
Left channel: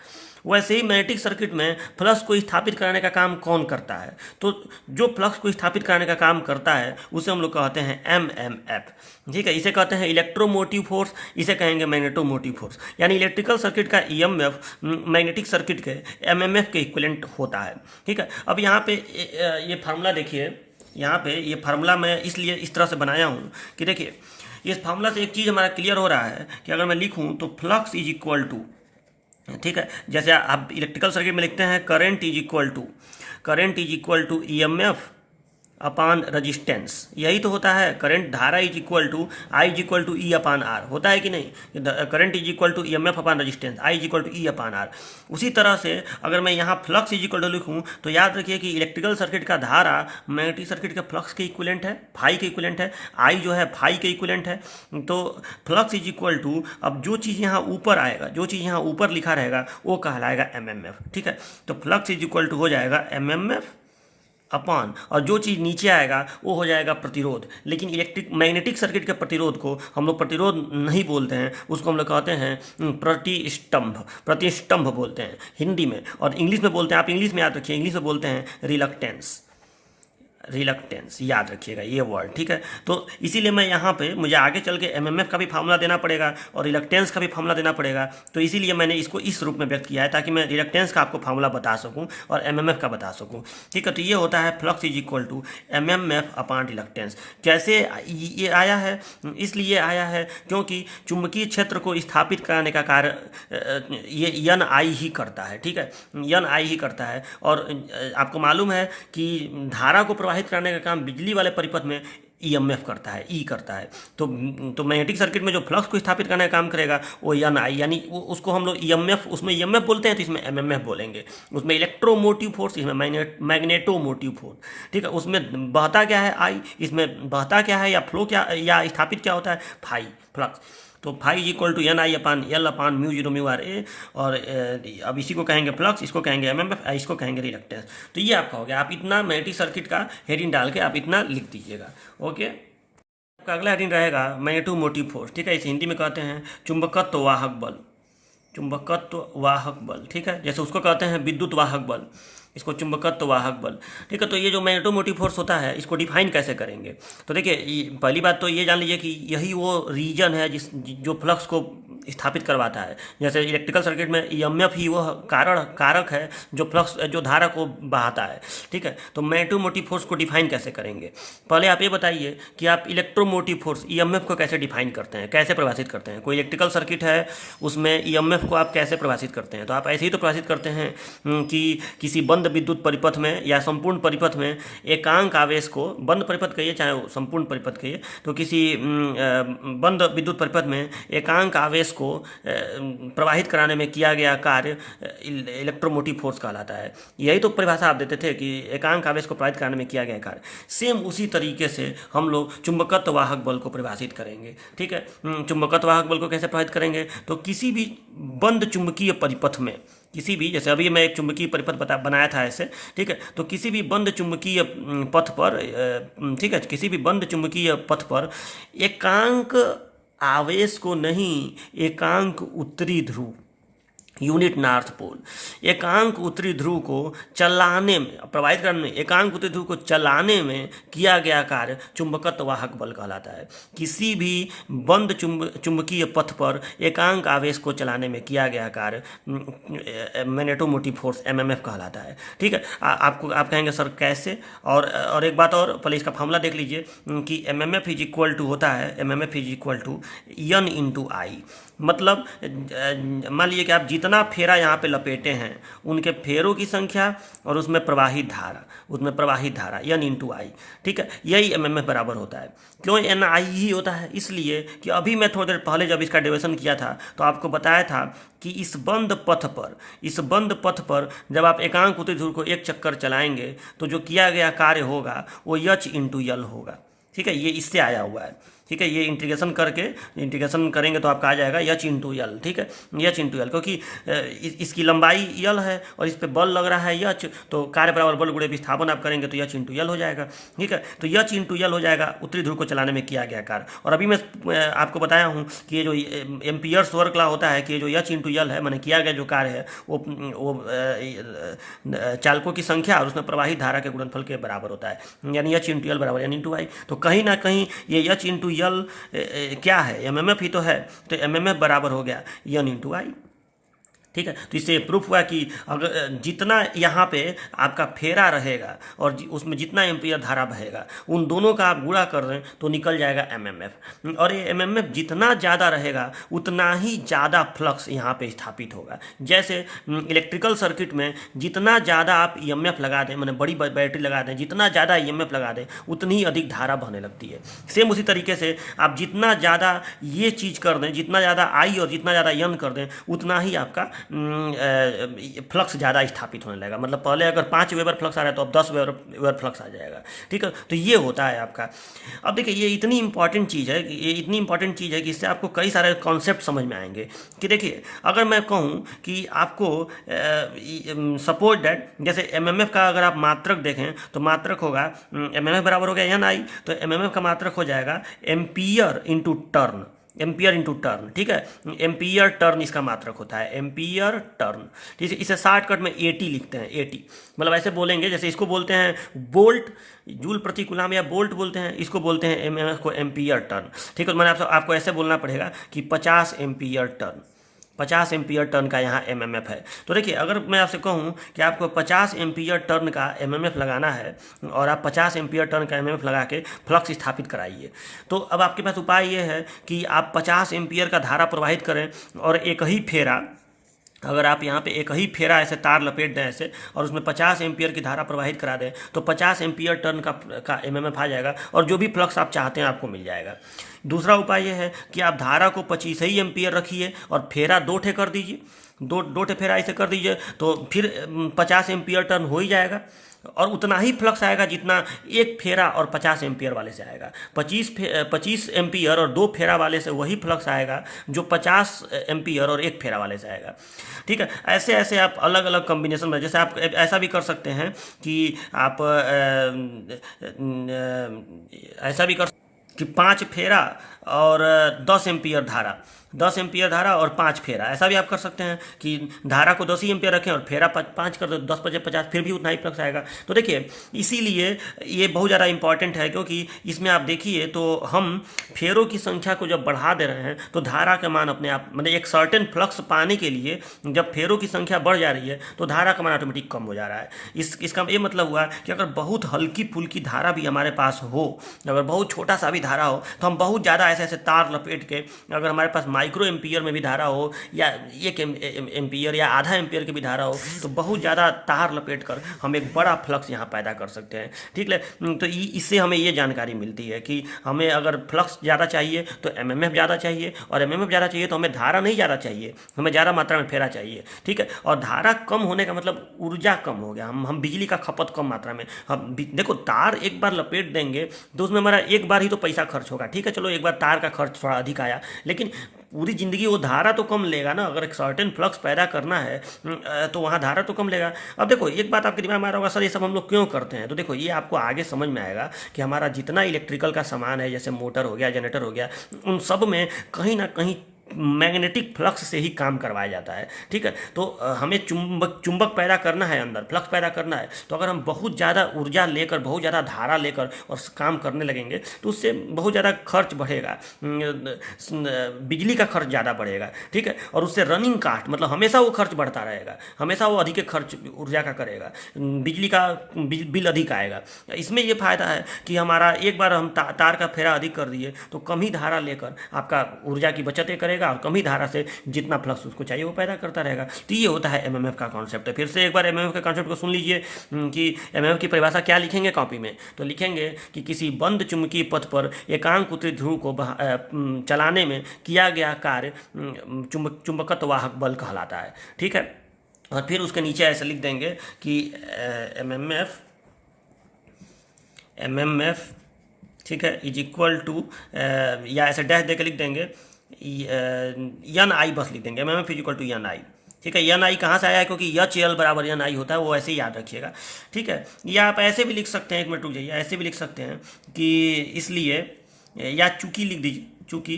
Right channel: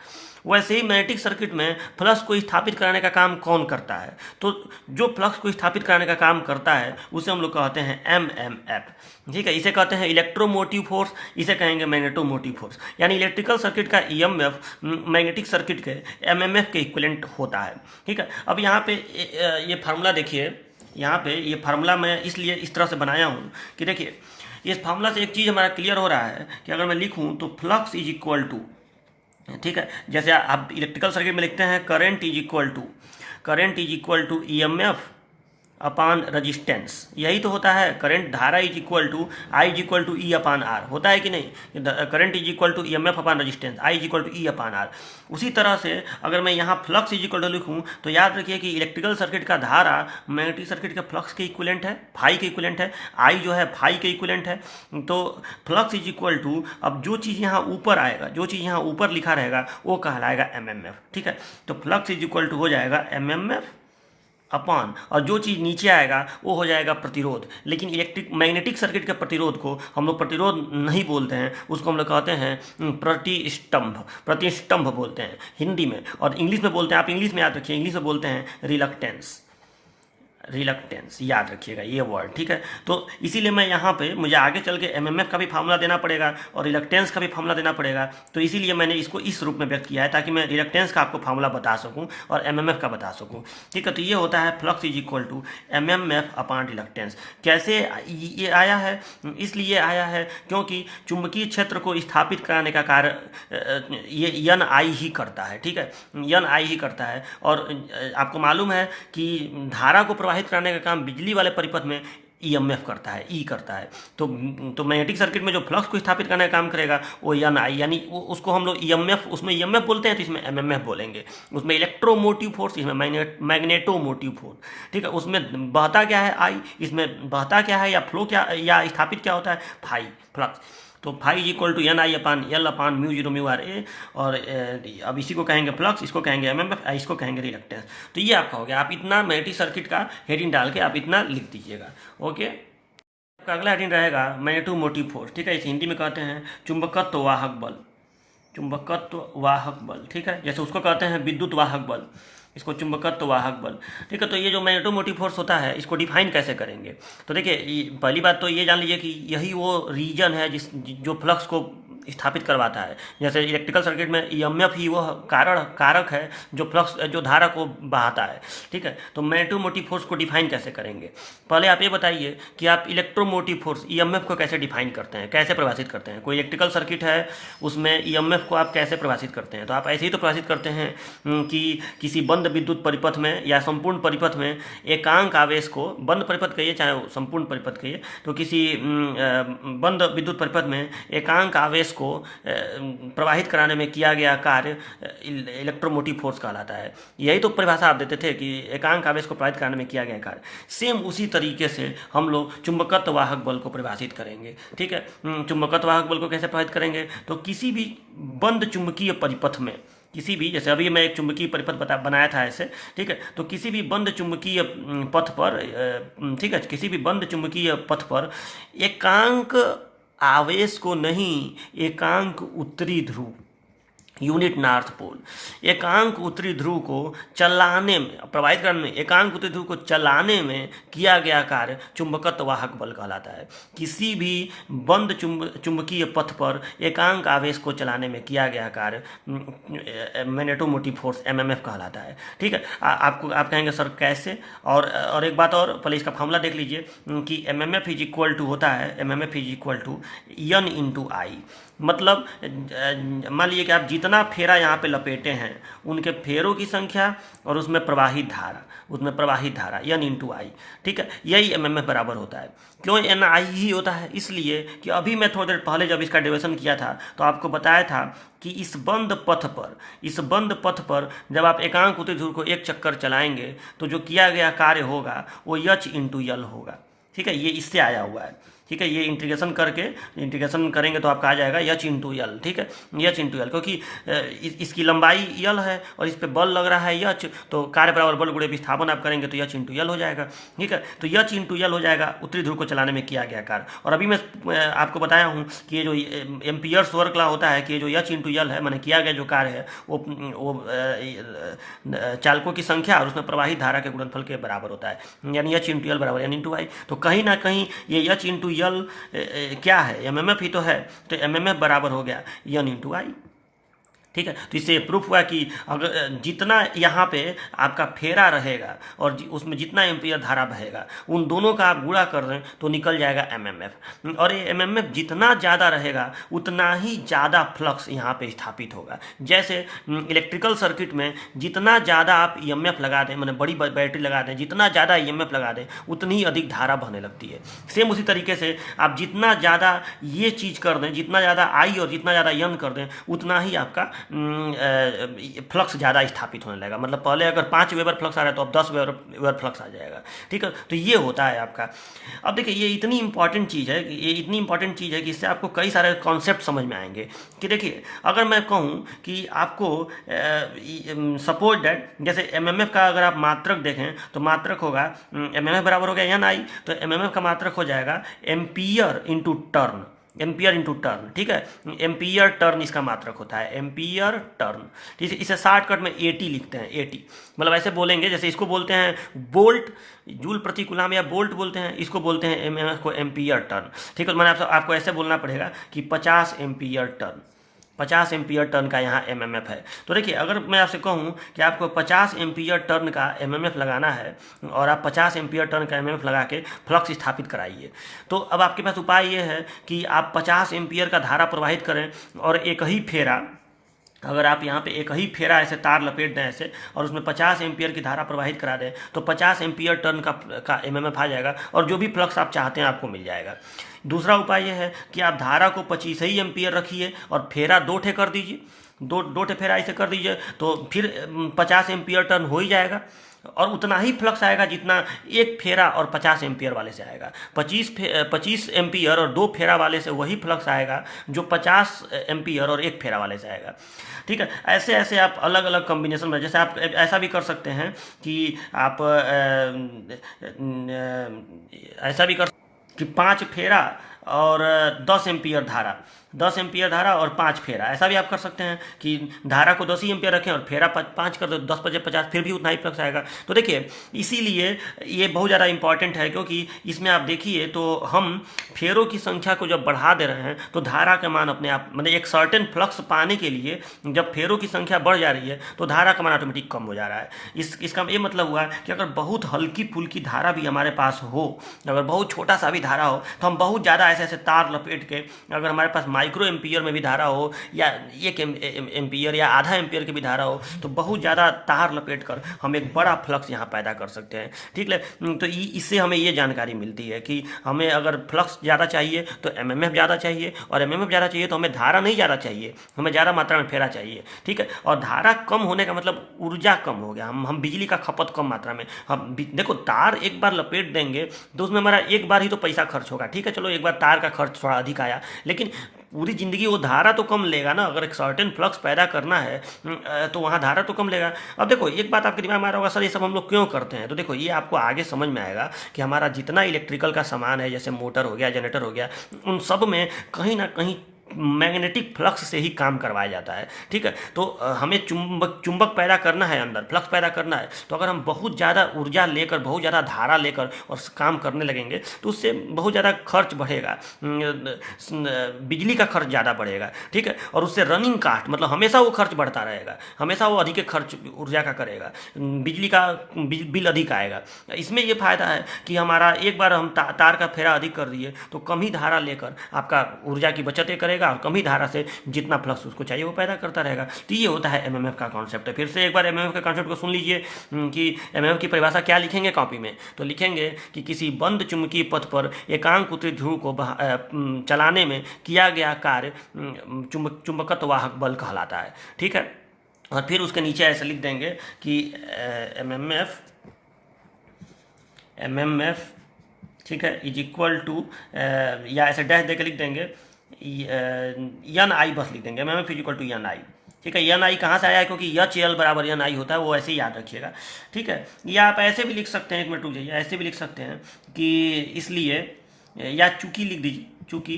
वैसे ही मैग्नेटिक सर्किट में फ्लक्स को स्थापित कराने का काम कौन करता है? तो जो फ्लक्स को स्थापित कराने का काम करता है उसे हम लोग कहते हैं एमएमएफ। ठीक है, इसे कहते हैं इलेक्ट्रोमोटिव फोर्स, इसे कहेंगे मैग्नेटोमोटिव फोर्स। यानी इलेक्ट्रिकल सर्किट का ईएमएफ मैग्नेटिक सर्किट के एमएमएफ के इक्विवेलेंट होता है। ठीक है, अब यहाँ पे ये फार्मूला देखिए, यहाँ पे ये फार्मूला मैं इसलिए इस तरह से बनाया हूँ कि देखिए, इस फार्मूला से एक चीज़ हमारा क्लियर हो रहा है कि अगर मैं लिखूँ तो फ्लक्स इज इक्वल टू, ठीक है, जैसे आप इलेक्ट्रिकल सर्किट में लिखते हैं current is equal to EMF upon resistance, यही तो होता है। करंट, धारा is equal to I is equal to E upon R, होता है कि नहीं? Current is equal to EMF upon resistance, I is equal to E upon R. उसी तरह से अगर मैं यहाँ फ्लक्स इज इक्वल टू लिखूँ तो याद रखिए कि इलेक्ट्रिकल सर्किट का धारा मैग्नेटिक सर्किट के फ्लक्स के इक्विवेलेंट है, फाई के इक्विवेलेंट है, आई जो है फाई के इक्विवेलेंट है। तो फ्लक्स इज इक्वल टू, अब जो चीज़ यहाँ ऊपर आएगा, जो चीज़ यहाँ ऊपर लिखा रहेगा वो कहलाएगा एमएमएफ। ठीक है, तो फ्लक्स इज इक्वल टू हो जाएगा एमएमएफ अपान, और जो चीज़ नीचे आएगा वो हो जाएगा प्रतिरोध। लेकिन मैग्नेटिक सर्किट के प्रतिरोध को हम लोग प्रतिरोध नहीं बोलते हैं, उसको हम लोग कहते हैं प्रतिष्टंभ बोलते हैं हिंदी में, और इंग्लिश में बोलते हैं, आप इंग्लिश में याद रखिए, इंग्लिश में बोलते हैं रिलक्टेंस, याद रखिएगा ये वर्ड। ठीक है, तो इसीलिए मैं यहाँ पे, मुझे आगे चल के एमएमएफ का भी फार्मूला देना पड़ेगा और रिलक्टेंस का भी फार्मूला देना पड़ेगा, तो इसीलिए मैंने इसको इस रूप में व्यक्त किया है ताकि मैं रिलक्टेंस का आपको फार्मूला बता सकूं और एमएमएफ का बता सकूं। ठीक है, तो ये होता है flux is equal to MMF upon reluctance. कैसे ये आया है? इसलिए आया है क्योंकि चुंबकीय क्षेत्र को स्थापित कराने का कार्य ये एन आई ही करता है। ठीक है, एन आई ही करता है, और आपको मालूम है कि धारा को प्रवाहित कराने का काम बिजली वाले परिपथ में ईएमएफ करता है, ई करता है। तो मैग्नेटिक सर्किट में जो फ्लक्स को स्थापित करने का काम करेगा वो एन आई, यानी उसको हम लोग ईएमएफ, उसमें ईएमएफ बोलते हैं तो इसमें एमएमएफ बोलेंगे। उसमें इलेक्ट्रोमोटिव फोर्स, इसमें मैग्नेटोमोटिव फोर्स। ठीक है, उसमें बहता क्या है आई, इसमें बहता क्या है या फ्लो क्या या स्थापित क्या होता है फाई, फ्लक्स। तो phi equal to N I upon L upon mu zero mu are A, और अब इसी को कहेंगे फ्लक्स, इसको कहेंगे एमएमएफ, इसको कहेंगे रिलक्टेंस। तो ये आपका हो गया। आप इतना मैग्नेटिक सर्किट का हेडिंग डाल के आप इतना लिख दीजिएगा। ओके, आपका अगला हेडिंग रहेगा मैग्नेटोमोटिव फोर्स। ठीक है, इसे हिंदी में कहते हैं चुंबकत्व वाहक बल, चुंबकत्व वाहक बल। ठीक है, जैसे उसको कहते हैं विद्युत वाहक बल, इसको चुंबकत्व वाहक बल। ठीक है, तो ये जो मैग्नेटोमोटिव फोर्स होता है इसको डिफाइन कैसे करेंगे? तो देखिए, पहली बात तो ये जान लीजिए कि यही वो रीजन है जो फ्लक्स को स्थापित करवाता है। जैसे इलेक्ट्रिकल सर्किट में ईएमएफ ही वह कारक है जो धारा को बहाता है। ठीक है, तो मैग्नेटोमोटिव फोर्स को डिफाइन कैसे करेंगे? पहले आप ये बताइए कि आप इलेक्ट्रोमोटिव फोर्स ईएमएफ को कैसे डिफाइन करते हैं, कैसे परिभाषित करते हैं? कोई इलेक्ट्रिकल सर्किट है, उसमें ईएमएफ को आप कैसे परिभाषित करते हैं? तो आप ऐसे ही तो परिभाषित करते हैं कि किसी बंद विद्युत परिपथ में या संपूर्ण परिपथ में एकांक आवेश को, बंद परिपथ कहिए चाहे संपूर्ण परिपथ कहिए, तो किसी बंद विद्युत परिपथ में एकांक आवेश को प्रवाहित कराने में किया गया कार्य इलेक्ट्रोमोटिव फोर्स कहलाता है। यही तो परिभाषा आप देते थे कि एकांक आवेश को प्रवाहित कराने में किया गया कार्य। सेम उसी तरीके से हम लोग चुंबकत्व वाहक बल को परिभाषित करेंगे। ठीक है, चुंबकत्व वाहक बल को कैसे प्रभावित करेंगे? तो किसी भी बंद चुंबकीय परिपथ में, किसी भी, जैसे अभी मैं एक चुंबकीय परिपथ बनाया था ऐसे, ठीक है, तो किसी भी बंद चुंबकीय पथ पर, ठीक है, किसी भी बंद चुंबकीय पथ पर एकांक आवेश को नहीं, एकांक उत्तरी ध्रुव, यूनिट नॉर्थ पोल। एकांक उत्तरी ध्रुव को चलाने में, प्रवाहित करने में, एकांक उत्तरी ध्रुव को चलाने में किया गया कार्य चुंबकत्व वाहक बल कहलाता है। किसी भी बंद चुंबकीय पथ पर एकांक आवेश को चलाने में किया गया कार्य मैग्नेटोमोटिव फोर्स एमएमएफ कहलाता है। ठीक है, आप कहेंगे सर कैसे? और एक बात और, पहले इसका फॉर्मूला देख लीजिए कि एमएमएफ इज इक्वल टू होता है, MMF is equal to N into I. मतलब मान लीजिए कि आप जितना फेरा यहाँ पे लपेटे हैं उनके फेरों की संख्या और उसमें प्रवाहित धारा एन इंटू आई। ठीक है, यही एमएमएफ बराबर होता है। क्यों एन आई ही होता है? इसलिए कि अभी मैं थोड़ी देर पहले जब इसका डेरिवेशन किया था तो आपको बताया था कि इस बंद पथ पर जब आप एकांक उत्तरी ध्रुव को एक चक्कर चलाएंगे तो जो किया गया कार्य होगा वो एच इंटू यल होगा। ठीक है, ये इससे आया हुआ है। ठीक है, ये इंटीग्रेशन करेंगे तो आपका आ जाएगा एच इंटू यल। ठीक है, एच इंटू यल, क्योंकि इसकी लंबाई यल है और इस पर बल लग रहा है एच, तो कार्य बराबर बल गुणे विस्थापन आप करेंगे तो एच इंटू यल हो जाएगा। ठीक है, तो एच इंटू यल हो जाएगा उत्तरी ध्रुव को चलाने में किया गया कार्य। और अभी मैं आपको बताया हूँ कि ये जो एम्पियर्स वर्क लॉ होता है कि ये जो एच इंटू यल है, मैंने किया गया जो कार्य है वो चालकों की संख्या और उसमें प्रवाहित धारा के गुणनफल के बराबर होता है, यानी एच इंटू यल बराबर एन इंटू आई। तो कहीं ना कहीं ये एच इंटू यल क्या है? एमएमएफ ही तो है, तो एमएमएफ बराबर हो गया एन इंटू आई। ठीक है, तो इससे प्रूफ हुआ कि अगर जितना यहाँ पे आपका फेरा रहेगा और उसमें जितना एम्पियर धारा बहेगा उन दोनों का आप गुणा कर दें तो निकल जाएगा एमएमएफ। और ये एमएमएफ जितना ज़्यादा रहेगा उतना ही ज़्यादा फ्लक्स यहाँ पे स्थापित होगा। जैसे इलेक्ट्रिकल सर्किट में जितना ज़्यादा आप ईएमएफ लगा दें, मैंने बड़ी बैटरी लगा दें, जितना ज़्यादा ईएमएफ लगा दें उतनी ही अधिक धारा बहने लगती है। सेम उसी तरीके से आप जितना ज़्यादा ये चीज़ कर दें, जितना ज़्यादा आई और जितना ज़्यादा एन कर दें उतना ही आपका फ्लक्स ज़्यादा स्थापित होने लगेगा। मतलब पहले अगर 5 वेबर फ्लक्स आ रहा है तो अब 10 वेबर फ्लक्स आ जाएगा। ठीक है, तो ये होता है आपका। अब देखिए ये इतनी इंपॉर्टेंट चीज़ है कि इससे आपको कई सारे कॉन्सेप्ट समझ में आएंगे। कि देखिए अगर मैं कहूँ कि आपको सपोज दैट जैसे एमएमएफ का अगर आप मात्रक देखें तो मात्रक होगा एमएमएफ बराबर हो गया एन आई, तो एमएमएफ का मात्रक हो जाएगा ampere into turn, ampere into turn. ठीक है, एम्पियर टर्न इसका मात्रक होता है, एम्पियर टर्न। ठीक है, इसे शॉर्टकट में एटी लिखते हैं, एटी। मतलब ऐसे बोलेंगे जैसे इसको बोलते हैं बोल्ट, जूल प्रति कूलम या बोल्ट बोलते हैं, इसको बोलते हैं एमएमएफ को एम्पियर टर्न। ठीक है, तो मैंने आपको ऐसे बोलना पड़ेगा कि 50 एम्पियर टर्न, 50 एम्पियर टर्न का यहाँ एमएमएफ है। तो देखिए अगर मैं आपसे कहूँ कि आपको 50 एम्पियर टर्न का एमएमएफ लगाना है और आप 50 एम्पियर टर्न का एमएमएफ लगा के फ्लक्स स्थापित कराइए, तो अब आपके पास उपाय ये है कि आप 50 एम्पियर का धारा प्रवाहित करें और एक ही फेरा, अगर आप यहाँ पे एक ही फेरा ऐसे तार लपेट दें ऐसे और उसमें 50 एम्पियर की धारा प्रवाहित करा दें तो 50 एम्पियर टर्न का एमएमएफ आ जाएगा और जो भी फ्लक्स आप चाहते हैं आपको मिल जाएगा। दूसरा उपाय यह है कि आप धारा को 25 ही एम्पियर रखिए और फेरा 2 ठे कर दीजिए, दो ठे फेरा ऐसे कर दीजिए तो फिर 50 एम्पियर टर्न हो ही जाएगा और उतना ही फ्लक्स आएगा जितना एक फेरा और 50 एम्पियर वाले से आएगा। 25 एम्पियर और 2 फेरा वाले से वही फ्लक्स आएगा जो 50 एम्पियर और एक फेरा वाले से आएगा। ठीक है, ऐसे ऐसे आप अलग अलग कॉम्बिनेशन में, जैसे आप ऐसा भी कर सकते हैं कि आप ऐसा भी कर कि 5 फेरा और 10 एम्पियर धारा, 10 एम्पियर धारा और 5 फेरा, ऐसा भी आप कर सकते हैं कि धारा को 10 ही एम्पियर रखें और फेरा 5 कर दो, 10 × 50 फिर भी उतना ही फ्लक्स आएगा। तो देखिए इसीलिए ये बहुत ज़्यादा इंपॉर्टेंट है क्योंकि इसमें आप देखिए तो हम फेरों की संख्या को जब बढ़ा दे रहे हैं तो धारा का मान अपने आप, मतलब एक सर्टेन फ्लक्स पाने के लिए जब फेरों की संख्या बढ़ जा रही है तो धारा का मान ऑटोमेटिक कम हो जा रहा है। इसका ये मतलब हुआ कि अगर बहुत हल्की फुल्की धारा भी हमारे पास हो, अगर बहुत छोटा सा भी धारा हो तो हम बहुत ज़्यादा ऐसे ऐसे तार लपेट के, अगर हमारे पास माइक्रो एम्पियर में भी धारा हो या 1 एम्पियर या आधा एम्पियर की भी धारा हो तो बहुत ज़्यादा तार लपेट कर हम एक बड़ा फ्लक्स यहाँ पैदा कर सकते हैं। ठीक है, तो इससे हमें ये जानकारी मिलती है कि हमें अगर फ्लक्स ज़्यादा चाहिए तो एमएमएफ ज़्यादा चाहिए और एमएमएफ ज़्यादा चाहिए तो हमें धारा नहीं ज़्यादा चाहिए, हमें ज़्यादा मात्रा में फेरा चाहिए। ठीक है, और धारा कम होने का मतलब ऊर्जा कम हो गया, हम बिजली का खपत कम मात्रा में, हम देखो तार एक बार लपेट देंगे तो उसमें हमारा एक बार ही तो पैसा खर्च होगा। ठीक है, चलो एक बार तार का खर्च थोड़ा अधिक आया लेकिन पूरी ज़िंदगी वो धारा तो कम लेगा ना। अगर एक सर्टेन फ्लक्स पैदा करना है तो वहाँ धारा तो कम लेगा। अब देखो एक बात आपके दिमाग में आ रहा होगा, सर ये सब हम लोग क्यों करते हैं? तो देखो ये आपको आगे समझ में आएगा कि हमारा जितना इलेक्ट्रिकल का सामान है, जैसे मोटर हो गया, जनरेटर हो गया, उन सब में कहीं ना कहीं मैग्नेटिक फ्लक्स से ही काम करवाया जाता है। ठीक है, तो हमें चुंबक पैदा करना है, अंदर फ्लक्स पैदा करना है, तो अगर हम बहुत ज़्यादा ऊर्जा लेकर, बहुत ज़्यादा धारा लेकर और काम करने लगेंगे तो उससे बहुत ज़्यादा खर्च बढ़ेगा, बिजली का खर्च ज़्यादा बढ़ेगा। ठीक है, और उससे रनिंग कास्ट, मतलब हमेशा वो खर्च बढ़ता रहेगा, हमेशा वो अधिक खर्च ऊर्जा का करेगा, बिजली का बिल अधिक आएगा। इसमें ये फायदा है कि हमारा एक बार हम तार का फेरा अधिक कर दिए तो कम ही धारा लेकर आपका ऊर्जा की बचत करेगा और कम ही धारा से जितना फ्लक्स उसको चाहिए वो पैदा करता रहेगा। तो ये होता है एमएमएफ का कॉन्सेप्ट है। फिर से एक बार एमएमएफ के कॉन्सेप्ट को सुन लीजिए कि एमएमएफ की परिभाषा क्या लिखेंगे कॉपी में, तो लिखेंगे कि किसी बंद चुंबकीय पथ पर एकांक उत्तरी ध्रुव को चलाने में किया गया कार्य चुंबकत्व वाहक बल कहलाता है। ठीक है, और फिर उसके नीचे ऐसे लिख देंगे कि एमएमएफ ठीक है इज इक्वल टू, या ऐसे डैश देकर लिख देंगे एन आई, बस लिख देंगे MMF is equal to N I. ठीक है, एन आई कहाँ से आया है, क्योंकि एच एल बराबर एन आई होता है, वो ऐसे ही याद रखिएगा। ठीक है, या आप ऐसे भी लिख सकते हैं, एक मिनट रुक जाइए, ऐसे भी लिख सकते हैं कि इसलिए, या चूंकि लिख दीजिए, चूंकि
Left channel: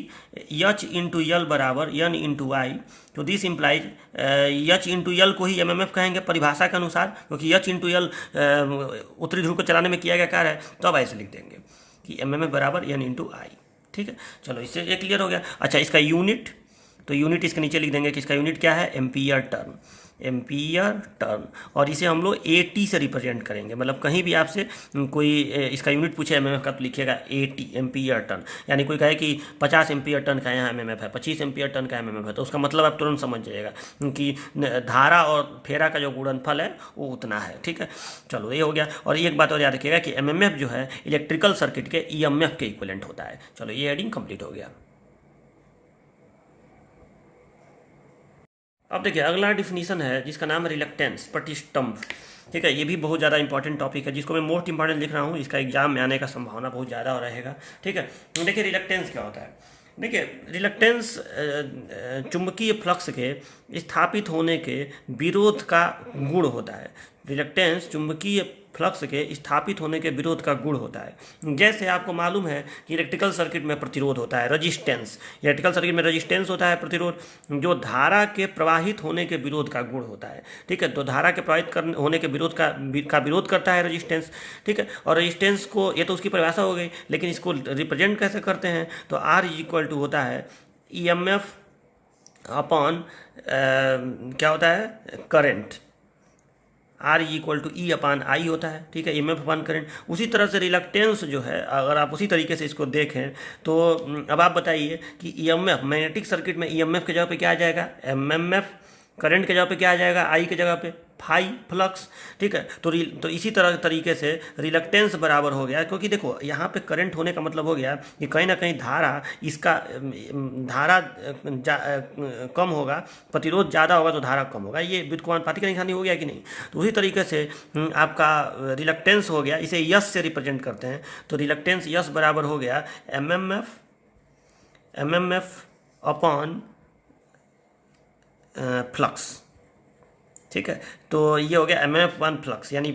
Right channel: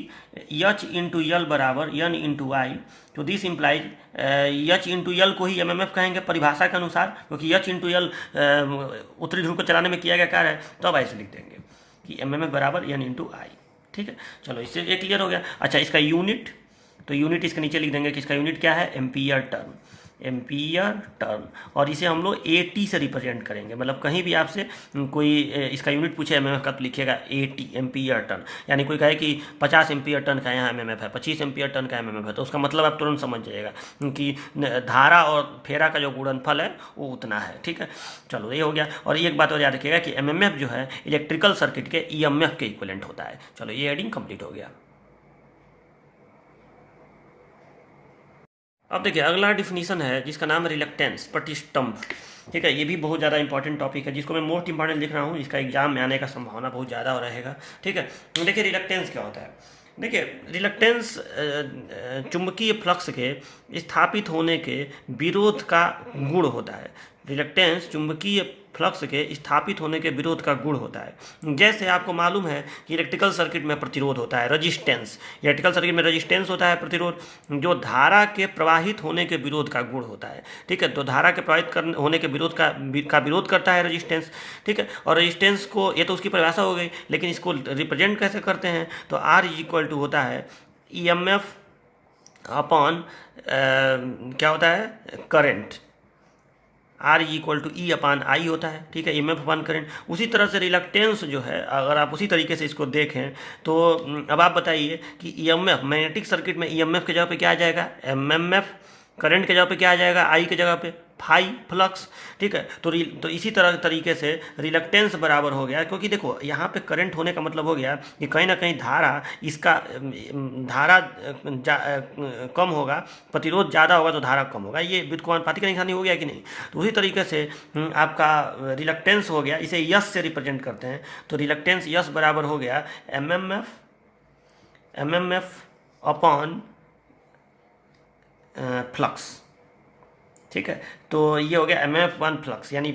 एच इंटू यल बराबर एन इंटू आई, तो this implies H into L को ही एमएमएफ कहेंगे परिभाषा के अनुसार, क्योंकि एच इंटू यल उत्तरी ध्रुव को चलाने में किया गया कार्य है, तब ऐसे लिख देंगे कि एमएमएफ बराबर एन इंटू आई। ठीक है, चलो इससे ये क्लियर हो गया। अच्छा, इसका यूनिट, तो यूनिट इसके नीचे लिख देंगे कि इसका यूनिट क्या है, एम्पियर टर्न, एम्पियर टर्न, और इसे हम लोग एटी से रिप्रेजेंट करेंगे। मतलब कहीं भी आपसे कोई इसका यूनिट पूछे एमएमएफ का, तो लिखिएगा एटी एम्पियर टर्न। यानी कोई कहे कि 50 एम्पियर टन का यहाँ एमएमएफ है, 25 एम्पियर टन का एमएमएफ है, तो उसका मतलब आप तुरंत समझ जाइएगा कि धारा और फेरा का जो गुणनफल है वो उतना है। ठीक है, चलो ये हो गया। और एक बात और याद रखिएगा कि एमएमएफ जो है इलेक्ट्रिकल सर्किट के ईएमएफ के इक्विवेलेंट होता है। चलो ये एडिंग कंप्लीट हो गया। अब देखिए अगला डिफिनीशन है जिसका नाम है रिलक्टेंस, प्रतिष्ठम्भ। ठीक है, ये भी बहुत ज़्यादा इंपॉर्टेंट टॉपिक है जिसको मैं मोस्ट इंपॉर्टेंट लिख रहा हूँ, इसका एग्जाम में आने का संभावना बहुत ज़्यादा रहेगा। ठीक है, देखिए रिलक्टेंस क्या होता है। देखिए रिलक्टेंस चुंबकीय फ्लक्स के स्थापित होने के विरोध का गुण होता है। रिलक्टेंस चुंबकीय फ्लक्स के स्थापित होने के विरोध का गुण होता है। जैसे आपको मालूम है कि इलेक्ट्रिकल सर्किट में प्रतिरोध होता है, रजिस्टेंस, इलेक्ट्रिकल सर्किट में रजिस्टेंस होता है, प्रतिरोध, जो धारा के प्रवाहित होने के विरोध का गुण होता है। ठीक है, तो धारा के प्रवाहित होने के विरोध का विरोध करता है रजिस्टेंस। ठीक है, और रजिस्टेंस को, ये तो उसकी परिभाषा हो गई, लेकिन इसको रिप्रेजेंट कैसे करते हैं, तो आर इज इक्वल टू होता है ई एम एफ अपॉन क्या होता है, current. Are equal to E अपान आई होता है। ठीक है, एम एफ अपान करेंट। उसी तरह से रिलक्टेंस जो है, अगर आप उसी तरीके से इसको देखें तो अब आप बताइए कि E M F, magnetic circuit में ई एम एफ के जगह पे क्या आ जाएगा, एम एम एफ, करंट के जगह पे क्या आ जाएगा, आई के जगह पे फाई फ्लक्स। ठीक है, तो इसी तरह तरीके से रिलक्टेंस बराबर हो गया, क्योंकि देखो यहाँ पे करंट होने का मतलब हो गया कि कहीं ना कहीं धारा, इसका धारा कम होगा, प्रतिरोध ज़्यादा होगा तो धारा कम होगा। ये व्युत्क्रमानुपाती का निशानी हो गया कि नहीं। तो उसी तरीके से आपका रिलक्टेंस हो गया, इसे यस से रिप्रेजेंट करते हैं, तो रिलक्टेंस यस बराबर हो गया M M F upon flux. ठीक है, तो ये हो गया M M F one flux, यानी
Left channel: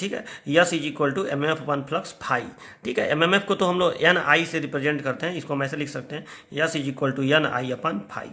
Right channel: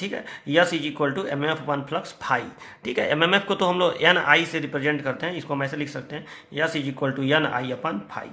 ठीक है, S is equal to M M F one flux phi. ठीक है, एम एम एफ को तो हम लोग एन आई से रिप्रेजेंट करते हैं, इसको हम ऐसे लिख सकते हैं, S is equal to N I upon phi,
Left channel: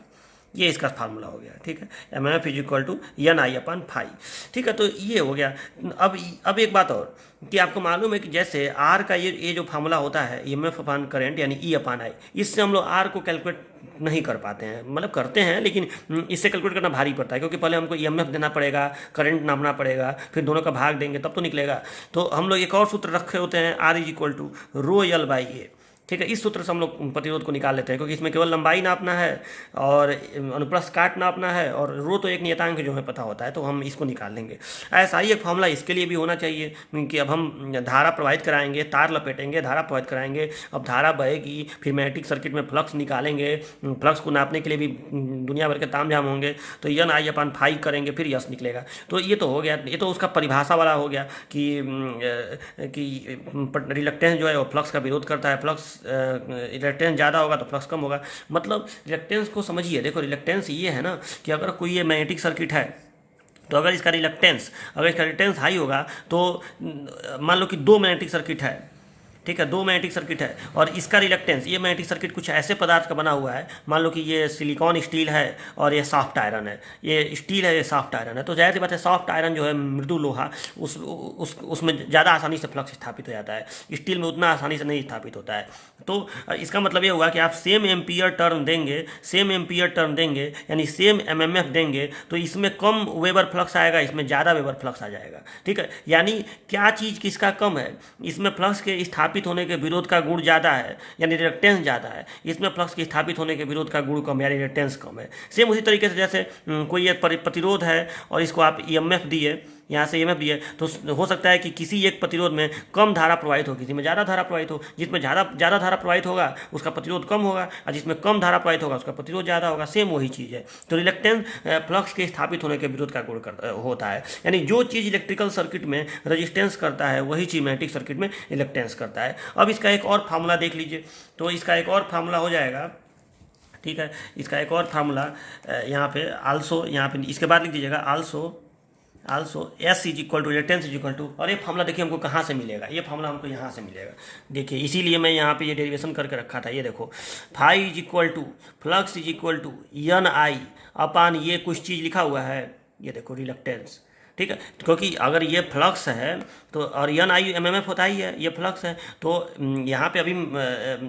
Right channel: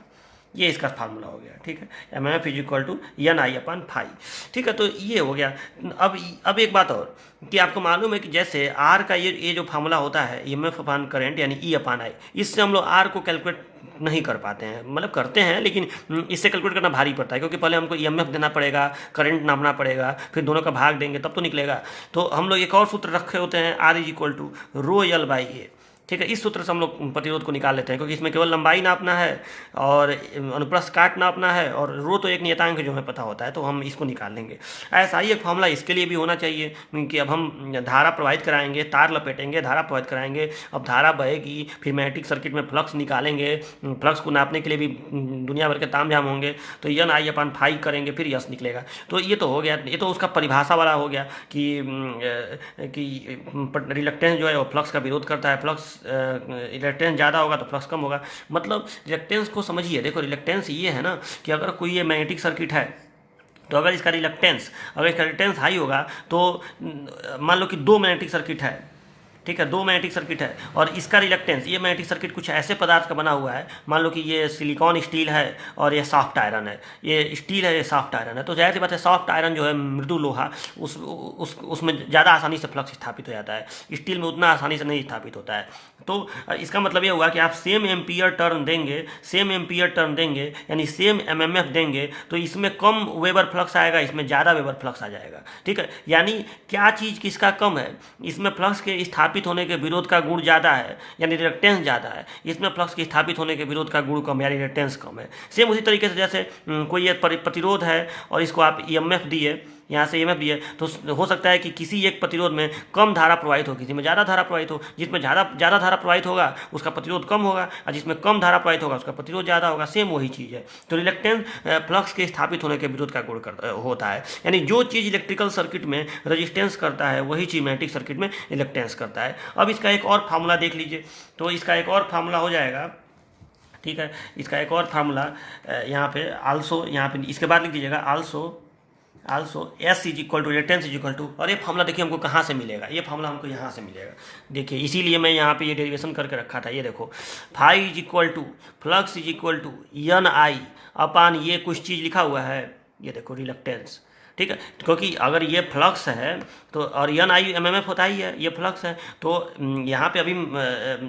ये इसका फार्मूला हो गया। ठीक है, M M F is equal to N I upon phi. ठीक है, तो ये हो गया। अब एक बात और कि आपको मालूम है कि जैसे आर का ये जो फार्मूला होता है ई एम एफ अपान करेंट यानी ई अपान आई, इससे हम लोग आर को कैलकुलेट नहीं कर पाते हैं, मतलब करते हैं लेकिन इससे कैलकुलेट करना भारी पड़ता है, क्योंकि पहले हमको ई एम एफ देना पड़ेगा, करंट नापना पड़ेगा, फिर दोनों का भाग देंगे तब तो निकलेगा। तो हम लोग एक और सूत्र रखे होते हैं, R is equal to rho L by A. ठीक है, इस सूत्र से हम लोग प्रतिरोध को निकाल लेते हैं, क्योंकि इसमें केवल लंबाई नापना है और अनुप्रस्थ काट नापना है, और रो तो एक नियतांक जो हमें पता होता है, तो हम इसको निकाल लेंगे। ऐसा ही एक फॉर्मूला इसके लिए भी होना चाहिए कि अब हम धारा प्रवाहित कराएंगे, तार लपेटेंगे, धारा प्रवाहित कराएंगे, अब धारा बहेगी, फिर मैग्नेटिक सर्किट में फ्लक्स निकालेंगे, फ्लक्स को नापने के लिए भी दुनिया भर के तामझाम होंगे, तो एन आई अपन फाई करेंगे, फिर यस निकलेगा। तो ये तो हो गया, ये तो उसका परिभाषा वाला हो गया कि रिलक्टेंस जो है वो फ्लक्स का विरोध करता है, फ्लक्स रिलक्टेंस ज़्यादा होगा तो फ्लक्स कम होगा। मतलब रिलक्टेंस को समझिए, देखो रिलक्टेंस ये है ना कि अगर कोई ये मैग्नेटिक सर्किट है, तो अगर इसका रिलक्टेंस हाई होगा, तो मान लो कि दो मैग्नेटिक सर्किट है, ठीक है, 2 मैग्नेटिक सर्किट है और इसका रिलक्टेंस, ये मैग्नेटिक सर्किट कुछ ऐसे पदार्थ का बना हुआ है, मान लो कि ये सिलिकॉन स्टील है और ये सॉफ्ट आयरन है, ये स्टील है, ये सॉफ्ट आयरन है, तो जाहिर सी बात है सॉफ्ट आयरन जो है मृदु लोहा, उसमें ज़्यादा आसानी से फ्लक्स स्थापित हो जाता है, स्टील में उतना आसानी से नहीं स्थापित होता है। तो इसका मतलब ये हुआ कि आप सेम एम्पियर टर्न देंगे यानी सेम एमएमएफ देंगे तो इसमें कम वेबर फ्लक्स आएगा, इसमें ज़्यादा वेबर फ्लक्स आ जाएगा। ठीक है, यानी क्या चीज़ किसका कम है, इसमें फ्लक्स के स्थापित होने के विरोध का गुण ज़्यादा है यानी रिएक्टेंस ज़्यादा है, इसमें फ्लक्स के स्थापित होने के विरोध का गुण कम यानी रिएक्टेंस कम है। सेम उसी तरीके से जैसे कोई एक प्रतिरोध है और इसको आप ईएमएफ दिए, यहाँ से ईएमएफ दिए, तो हो सकता है कि किसी एक प्रतिरोध में कम धारा प्रवाहित हो, किसी में ज़्यादा धारा प्रवाहित हो, जिसमें ज़्यादा धारा प्रवाहित होगा उसका प्रतिरोध कम होगा और जिसमें कम धारा प्रवाहित होगा उसका प्रतिरोध ज़्यादा होगा। सेम वही चीज़ है। तो रिलेक्टेंस फ्लक्स के स्थापित होने के विरोध का गुण होता है, यानी जो चीज़ इलेक्ट्रिकल सर्किट में रजिस्टेंस करता है वही चीज़ मैग्नेटिक सर्किट में इलेक्टेंस करता है। अब इसका एक और फार्मूला देख लीजिए, तो इसका एक और फार्मूला हो जाएगा। ठीक है, इसका एक और फार्मूला यहाँ पे आल्सो, यहाँ पे इसके बाद लिख दीजिएगा also S is equal to reluctance is equal to, और ये फार्मूला देखिए हमको कहाँ से मिलेगा, ये फार्मूला हमको यहाँ से मिलेगा। देखिए इसीलिए मैं यहाँ पे ये डेरिवेशन करके रखा था। ये देखो phi is equal to flux is equal to N I upon ये कुछ चीज़ लिखा हुआ है, ये देखो रिलक्टेंस। ठीक है, क्योंकि अगर ये फ्लक्स है तो और एन आई एमएमएफ होता ही है, ये फ्लक्स है, तो यहाँ पे अभी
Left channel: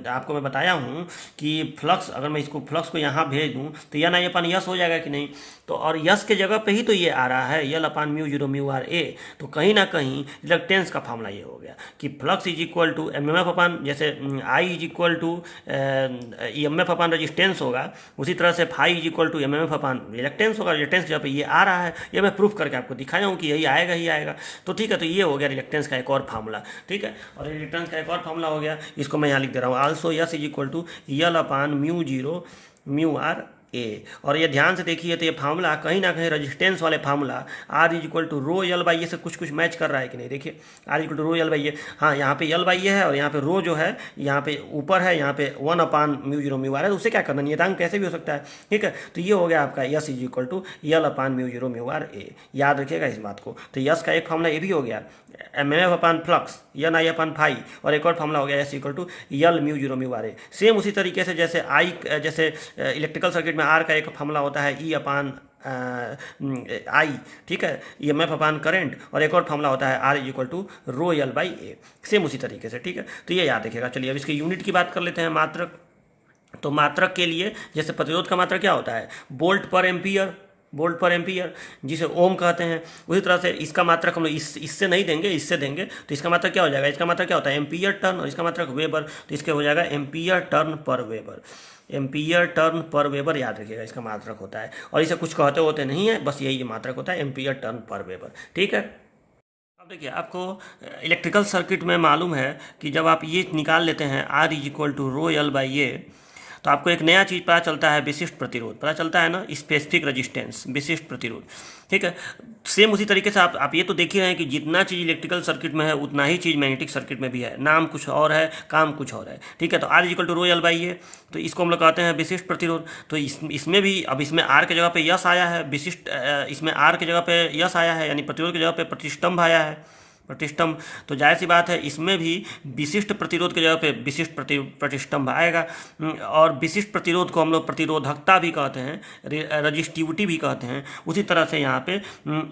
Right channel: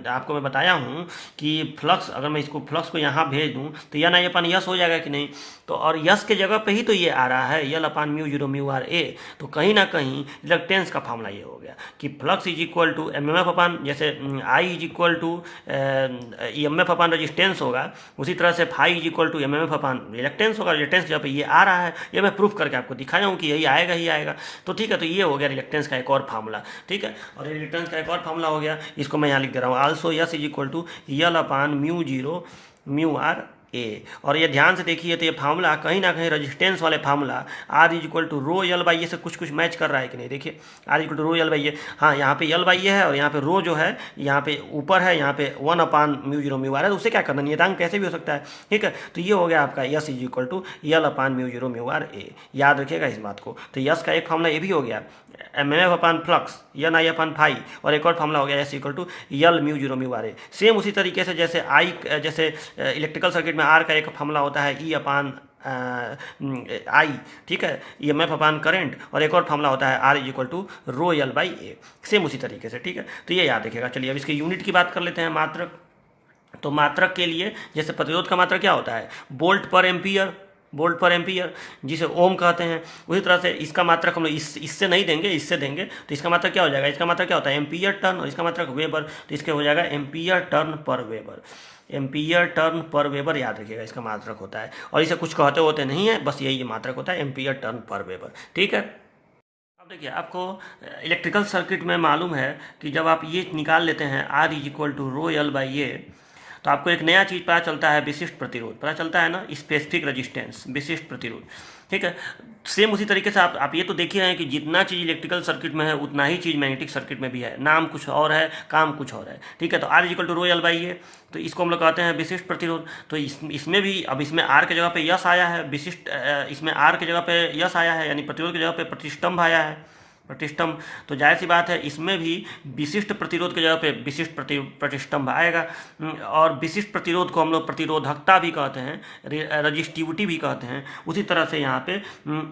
आपको मैं बताया हूँ कि फ्लक्स, अगर मैं इसको फ्लक्स को यहाँ भेज दूँ तो एन आई अपान यस हो जाएगा कि नहीं, तो और यस के जगह पे ही तो ये आ रहा है l upon mu zero mu R A, तो कहीं ना कहीं रिलक्टेंस का फार्मूला ये हो गया कि flux is equal to MMF upon, जैसे I is equal to EMF upon resistance होगा, उसी तरह से phi is equal to MMF upon reluctance होगा। रिलक्टेंस जब ये आ रहा है, ये मैं प्रूफ करके आपको दिखाया हूँ कि यही आएगा ही आएगा। तो ठीक है, तो ये हो गया रिलक्टेंस का एक और फार्मूला। ठीक है, और रिलक्टेंस का एक और फार्मूला हो गया, इसको मैं यहाँ लिख दे रहा हूँ also S is equal to L upon mu zero mu are A. और ये ध्यान से देखिए तो ये फार्मूला कहीं ना कहीं रेजिस्टेंस वाले formula R is equal to rho L by A से कुछ मैच कर रहा है कि नहीं। देखिए R equal to rho L by A, हाँ यहाँ पे यल बाई ए है और यहाँ पे रो जो है यहाँ पे ऊपर है, यहाँ पे 1 अपान म्यू जीरो म्यू आर है, तो उसे क्या करना, नियतांक कैसे भी हो सकता है। ठीक है, तो ये हो गया आपका S is equal to L upon mu zero mu are A, याद रखिएगा इस बात को। तो यस का एक फार्मूला ये भी हो गया MF upon flux N I upon phi, और एक और फार्मूला हो गया S equal to L mu zero mu are A. Same उसी तरीके से जैसे जैसे इलेक्ट्रिकल सर्किट में आर का एक फार्मूला होता है ई अपान आई, ठीक है, ईएमएफ अपान करंट, और एक और फार्मूला होता है R is equal to rho L by A, same उसी तरीके से। ठीक है, तो ये याद रखिएगा। चलिए अब इसके यूनिट की बात कर लेते हैं, मात्रक। तो मात्रक के लिए जैसे प्रतिरोध का मात्रक क्या होता है, वोल्ट पर एम्पियर, जिसे ओम कहते हैं, उसी तरह से इसका मात्रक हम लोग इससे नहीं देंगे, इससे देंगे, तो इसका मात्रक क्या हो जाएगा, इसका मात्रक क्या होता है एम्पियर टर्न, और इसका मात्रक वेबर, तो इसके हो जाएगा एम्पियर टर्न पर वेबर। एम्पियर टर्न पर वेबर याद रखिएगा इसका मात्रक होता है, और इसे कुछ कहते होते नहीं है, बस यही मात्रक होता है एम्पियर टर्न पर वेबर। ठीक है, अब देखिए आपको इलेक्ट्रिकल सर्किट में मालूम है कि जब आप ये निकाल लेते हैं R is equal to rho L by A, तो आपको एक नया चीज़ पता चलता है, विशिष्ट प्रतिरोध पता चलता है ना, स्पेसिफिक रेजिस्टेंस, विशिष्ट प्रतिरोध। ठीक है, सेम उसी तरीके से आप ये तो देख ही रहे हैं कि जितना चीज़ इलेक्ट्रिकल सर्किट में है उतना ही चीज़ मैग्नेटिक सर्किट में भी है, नाम कुछ और है, काम कुछ और है। ठीक है, तो R equal to rho L by A, तो इसको हम लोग कहते हैं विशिष्ट प्रतिरोध। तो इसमें भी अब इसमें आर के जगह पे यस आया है, विशिष्ट इसमें आर के जगह पे यस आया है, यानी प्रतिरोध की जगह पे प्रतिष्ठम्भ आया है, प्रतिष्ठम्भ। तो जाहिर सी बात है इसमें भी विशिष्ट प्रतिरोध की जगह पे विशिष्ट प्रतिष्ठम्भ आएगा, और विशिष्ट प्रतिरोध को हम लोग प्रतिरोधकता भी कहते हैं, रजिस्टिविटी भी कहते हैं। उसी तरह से यहाँ पे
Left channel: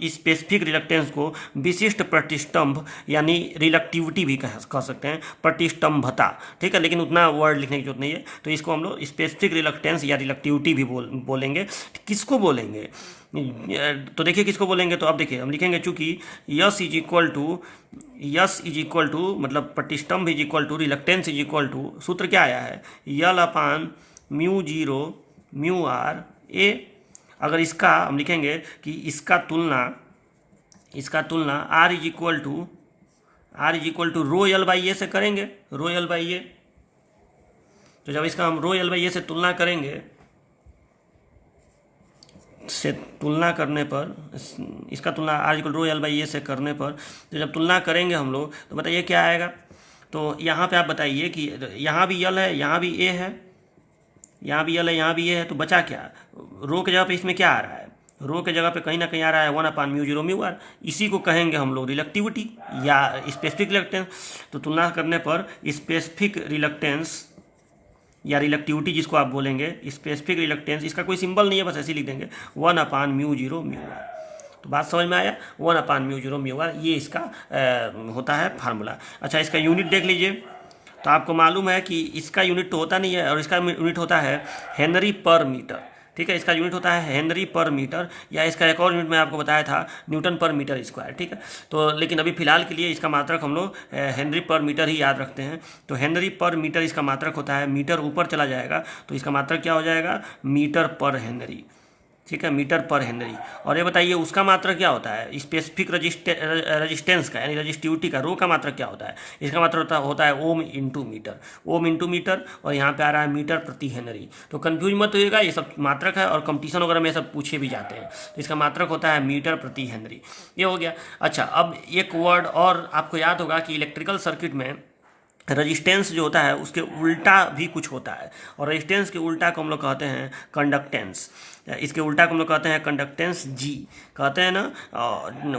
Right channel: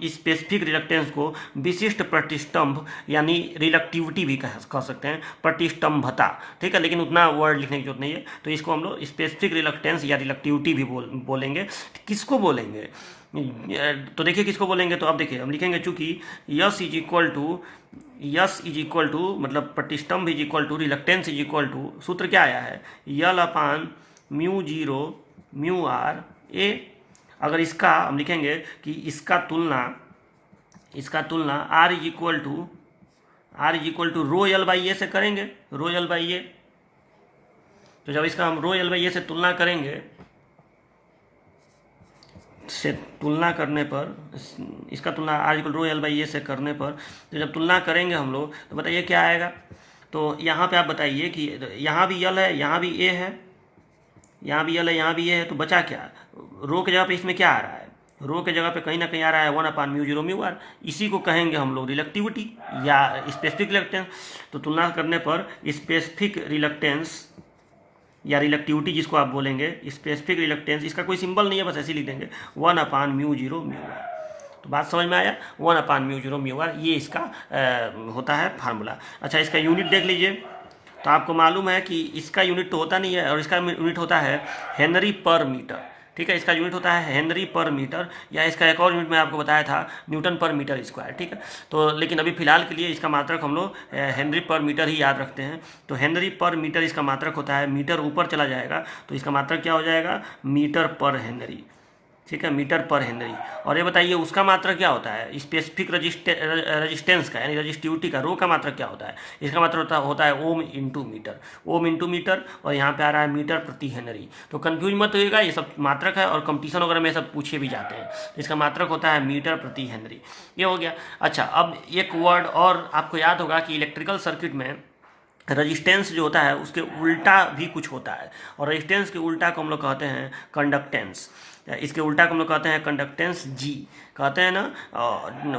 स्पेसिफिक रिलक्टेंस को विशिष्ट प्रतिष्ठम्भ यानी रिलक्टिविटी भी कह सकते हैं, प्रतिष्ठम्भता। ठीक है, लेकिन उतना वर्ड लिखने की जरूरत नहीं है, तो इसको हम लोग स्पेसिफिक रिलक्टेंस या रिलक्टिविटी भी बोलेंगे। किसको बोलेंगे, तो देखिए किसको बोलेंगे, तो अब देखिए हम लिखेंगे चूंकि यस इज इक्वल टू मतलब प्रतिष्ठम्भ is equal to reluctance is equal to, सूत्र क्या आया है l upon mu zero mu are A. अगर इसका हम लिखेंगे कि इसका तुलना R is equal to rho L by A से करेंगे, रो यल बाई ए। तो जब इसका हम रो यल बाई ए से तुलना करेंगे, करने पर इसका तुलना R equal rho L by A से करने पर, तो जब तुलना करेंगे हम लोग तो बताइए क्या आएगा। तो यहाँ पे आप बताइए कि यहाँ भी यल है, यहाँ भी ए है, यहाँ भी यल है, यहाँ भी ए है, तो बचा क्या, रो के जगह पे इसमें क्या आ रहा है, रो के जगह पे कहीं ना कहीं आ रहा है 1/μ0μr, इसी को कहेंगे हम लोग रिलक्टिविटी या स्पेसिफिक रिलक्टेंस। तो तुलना करने पर स्पेसिफिक रिलक्टेंस या रिलक्टिविटी जिसको आप बोलेंगे, स्पेसिफिक रिलक्टेंस, इसका कोई सिंबल नहीं है, बस ऐसे लिख देंगे 1/μ0μr। तो बात समझ में आया, 1/μ0μr ये इसका होता है फार्मूला। अच्छा, इसका यूनिट देख लीजिए। तो आपको मालूम है कि इसका यूनिट तो होता नहीं है, और इसका यूनिट होता है हेनरी पर मीटर। ठीक है, इसका यूनिट होता है हेनरी पर मीटर, या इसका एक और यूनिट मैं आपको बताया था न्यूटन पर मीटर स्क्वायर। ठीक है, तो लेकिन अभी फिलहाल के लिए इसका मात्रक हम लोग हेनरी पर मीटर ही याद रखते हैं। तो हेनरी पर मीटर इसका मात्रक होता है, मीटर ऊपर चला जाएगा तो इसका मात्रक क्या हो जाएगा, मीटर पर हेनरी। ठीक है, मीटर पर हेनरी। और ये बताइए उसका मात्रक क्या होता है, स्पेसिफिक रजिस्टेंस का यानी रजिस्टिविटी का, रो का मात्रक क्या होता है, इसका मात्रक होता है ohm into metre, ohm into metre, और यहाँ पे आ रहा है मीटर प्रति हेनरी। तो कंफ्यूज मत होइएगा, ये सब मात्रक है और कंपटीशन वगैरह में सब पूछे भी जाते हैं। तो इसका मात्रक होता है मीटर प्रति हेनरी। ये हो गया। अच्छा, अब एक वर्ड और आपको याद होगा कि इलेक्ट्रिकल सर्किट में रजिस्टेंस जो होता है उसके उल्टा भी कुछ होता है, और रजिस्टेंस के उल्टा को हम लोग कहते हैं कंडक्टेंस। इसके उल्टा को हम लोग कहते हैं कंडक्टेंस जी, कहते हैं ना,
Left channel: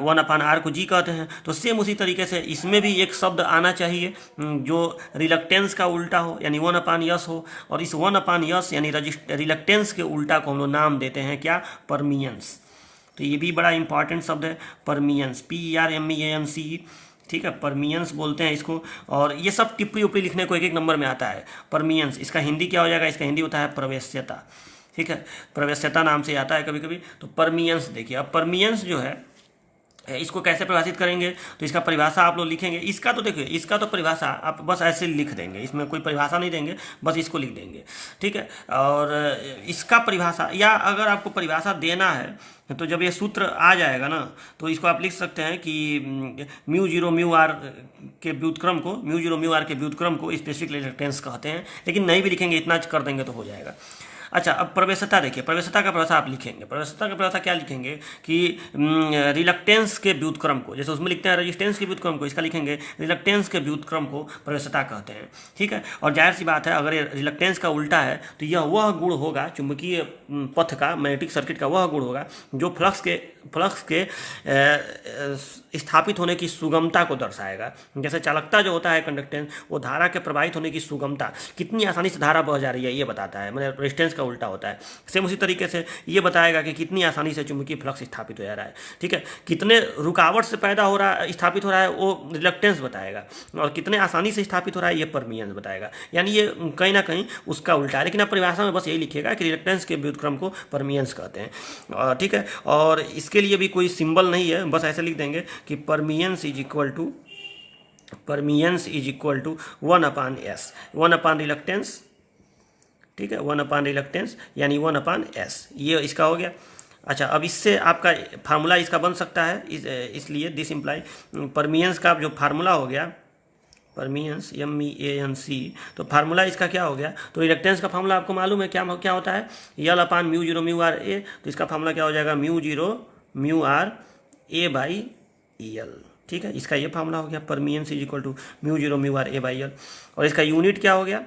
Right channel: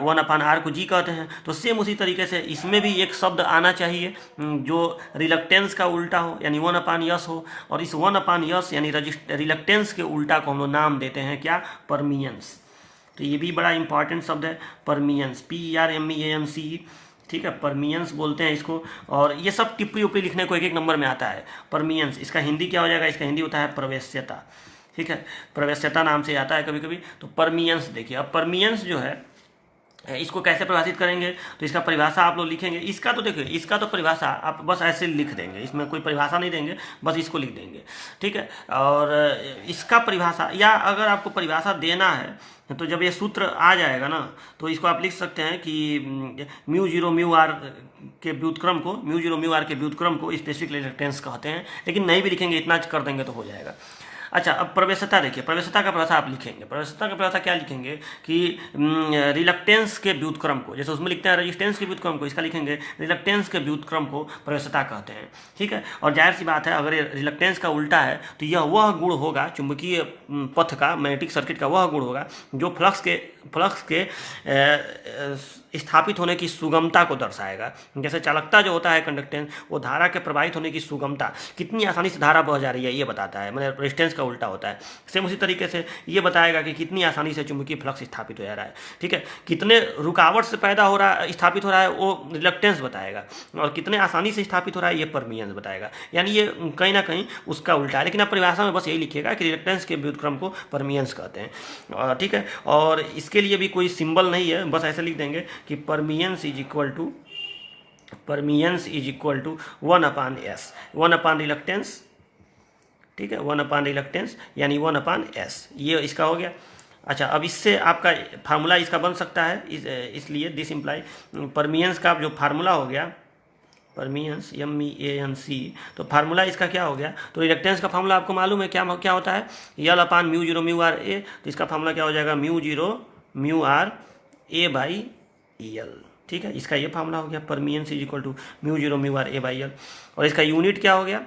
1/r को जी कहते हैं। तो सेम उसी तरीके से इसमें भी एक शब्द आना चाहिए जो रिलक्टेंस का उल्टा हो, यानी 1/s हो, और इस 1/s यानी रिलक्टेंस के उल्टा को हम लोग नाम देते हैं क्या, परमियंस। तो ये भी बड़ा इंपॉर्टेंट शब्द है, परमियंस, PERMEANC। ठीक है, परमियंस बोलते हैं इसको। और ये सब टिप्पणी उपड़ी लिखने को एक एक नंबर में आता है। परमियंस, इसका हिंदी क्या हो जाएगा, इसका हिंदी होता है प्रवेश्यता। ठीक है, प्रवेश्यता नाम से आता है कभी कभी। तो परमियंस देखिए, अब परमियंस जो है इसको कैसे परिभाषित करेंगे, तो इसका परिभाषा आप लोग लिखेंगे। इसका तो देखिए, इसका तो परिभाषा आप बस ऐसे लिख देंगे, इसमें कोई परिभाषा नहीं देंगे, बस इसको लिख देंगे। ठीक है, और इसका परिभाषा, या अगर आपको परिभाषा देना है तो जब ये सूत्र आ जाएगा ना, तो इसको आप लिख सकते हैं कि μ0μr के व्युत्क्रम को, μ0μr के व्युत्क्रम को स्पेसिफिक रिलक्टेंस कहते हैं। लेकिन नहीं भी लिखेंगे, इतना कर देंगे तो हो जाएगा। अच्छा, अब प्रवेश्यता देखिए, प्रवेश्यता का परिभाषा आप लिखेंगे। प्रवेश्यता का परिभाषा क्या लिखेंगे कि रिलक्टेंस के व्युत्क्रम को, जैसे उसमें लिखते हैं रेजिस्टेंस के व्युत्क्रम को, इसका लिखेंगे रिलक्टेंस के व्युत्क्रम को प्रवेश्यता कहते हैं। ठीक है, और जाहिर सी बात है, अगर ये रिलक्टेंस का उल्टा है तो यह वह गुण होगा चुंबकीय पथ का, मैग्नेटिक सर्किट का वह गुण होगा जो फ्लक्स के स्थापित होने की सुगमता को दर्शाएगा। जैसे चालकता जो होता है कंडक्टेंस, वो धारा के प्रवाहित होने की सुगमता, कितनी आसानी से धारा बह जा रही है ये बताता है, मतलब रेजिस्टेंस का उल्टा होता है। सेम उसी तरीके से ये बताएगा कि कितनी आसानी से चुंबकीय फ्लक्स स्थापित हो जा रहा है। ठीक है, कितने रुकावट से पैदा हो रहा है, स्थापित हो रहा है, वो रिलक्टेंस बताएगा, और कितने आसानी से स्थापित हो रहा है ये परमियंस बताएगा। यानी ये कहीं ना कहीं उसका उल्टा है, लेकिन आप परिभाषा में बस यही लिखिएगा कि रिलक्टेंस के व्युत्क्रम को परमियंस कहते हैं। ठीक है, और इसके लिए भी कोई सिंबल नहीं है, बस ऐसे लिख देंगे कि permeance is equal to 1/s, 1/रिलक्टेंस। ठीक है, 1/रिलक्टेंस यानी 1/s, ये इसका हो गया। अच्छा, अब इससे आपका फार्मूला इसका बन सकता है, इसलिए दिस इम्प्लाई परमियंस का जो फार्मूला हो गया, परमियंस MEANC, तो फार्मूला इसका क्या हो गया, तो रिलक्टेंस का फार्मूला आपको मालूम है क्या क्या होता है, L/μ0μrA। तो इसका फार्मूला क्या हो जाएगा, μ0μr A/L। ठीक है, इसका ये फार्मूला हो गया, परमियंस is equal to μ0μr A/L। और इसका यूनिट क्या हो गया,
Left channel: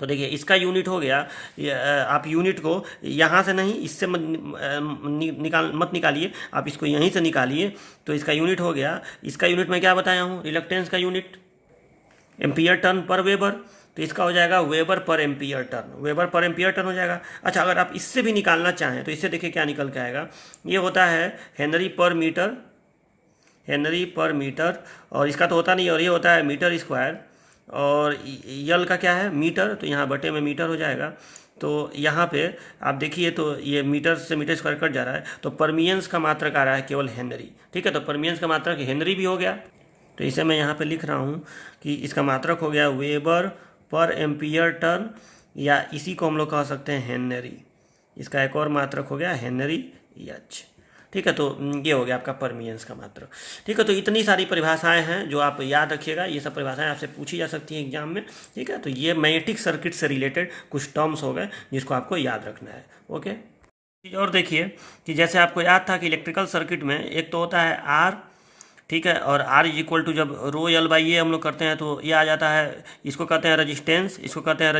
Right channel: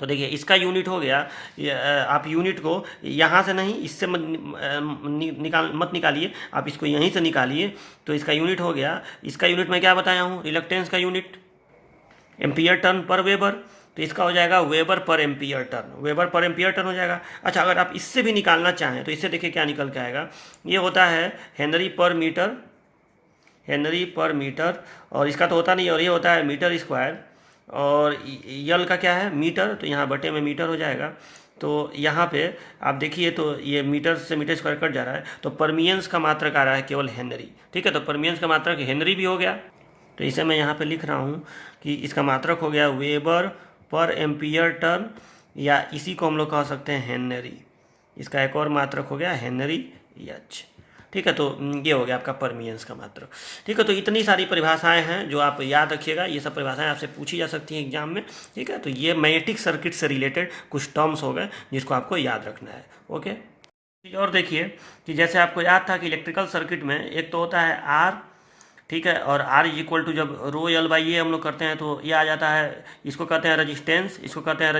तो देखिए इसका यूनिट हो गया, आप यूनिट को यहाँ से नहीं, इससे मत निकालिए, आप इसको यहीं से निकालिए। तो इसका यूनिट हो गया, इसका यूनिट मैं क्या बताया हूँ, रिलक्टेंस का यूनिट एम्पियर टर्न पर वेबर। तो इसका हो जाएगा वेबर पर एम्पियर टर्न, वेबर पर एम्पियर टर्न हो जाएगा। अच्छा, अगर आप इससे भी निकालना चाहें तो इससे देखिए क्या निकल के आएगा, ये होता है हेनरी पर मीटर, हेनरी पर मीटर, और इसका तो होता नहीं, और ये होता है मीटर स्क्वायर, और यल का क्या है, मीटर, तो यहाँ बटे में मीटर हो जाएगा। तो यहाँ पे आप देखिए, तो ये मीटर से मीटर स्क्वायर कट जा रहा है, तो परमियंस का मात्रक आ रहा है केवल हेनरी। ठीक है, तो परमियंस का मात्रक हेनरी भी हो गया। तो इसे मैं यहाँ पे लिख रहा हूँ कि इसका मात्रक हो गया वेबर पर एम्पियर टर्न, या इसी को हम लोग कह सकते हैं हेनरी। इसका एक और मात्रक हो गया हेनरी H। ठीक है, तो ये हो गया आपका परमियंस का मात्रक। ठीक है, तो इतनी सारी परिभाषाएं हैं जो आप याद रखिएगा, ये सब परिभाषाएं आपसे पूछी जा सकती हैं एग्जाम में। ठीक है, तो ये मैग्नेटिक सर्किट से रिलेटेड कुछ टर्म्स हो गए जिसको आपको याद रखना है। ओके, चीज़ और देखिए कि जैसे आपको याद था कि इलेक्ट्रिकल सर्किट में एक तो होता है आर, ठीक है, और R इज इक्वल टू जब ρL/A हम लोग करते हैं तो ये आ जाता है, इसको कहते हैं रजिस्टेंस, इसको कहते हैं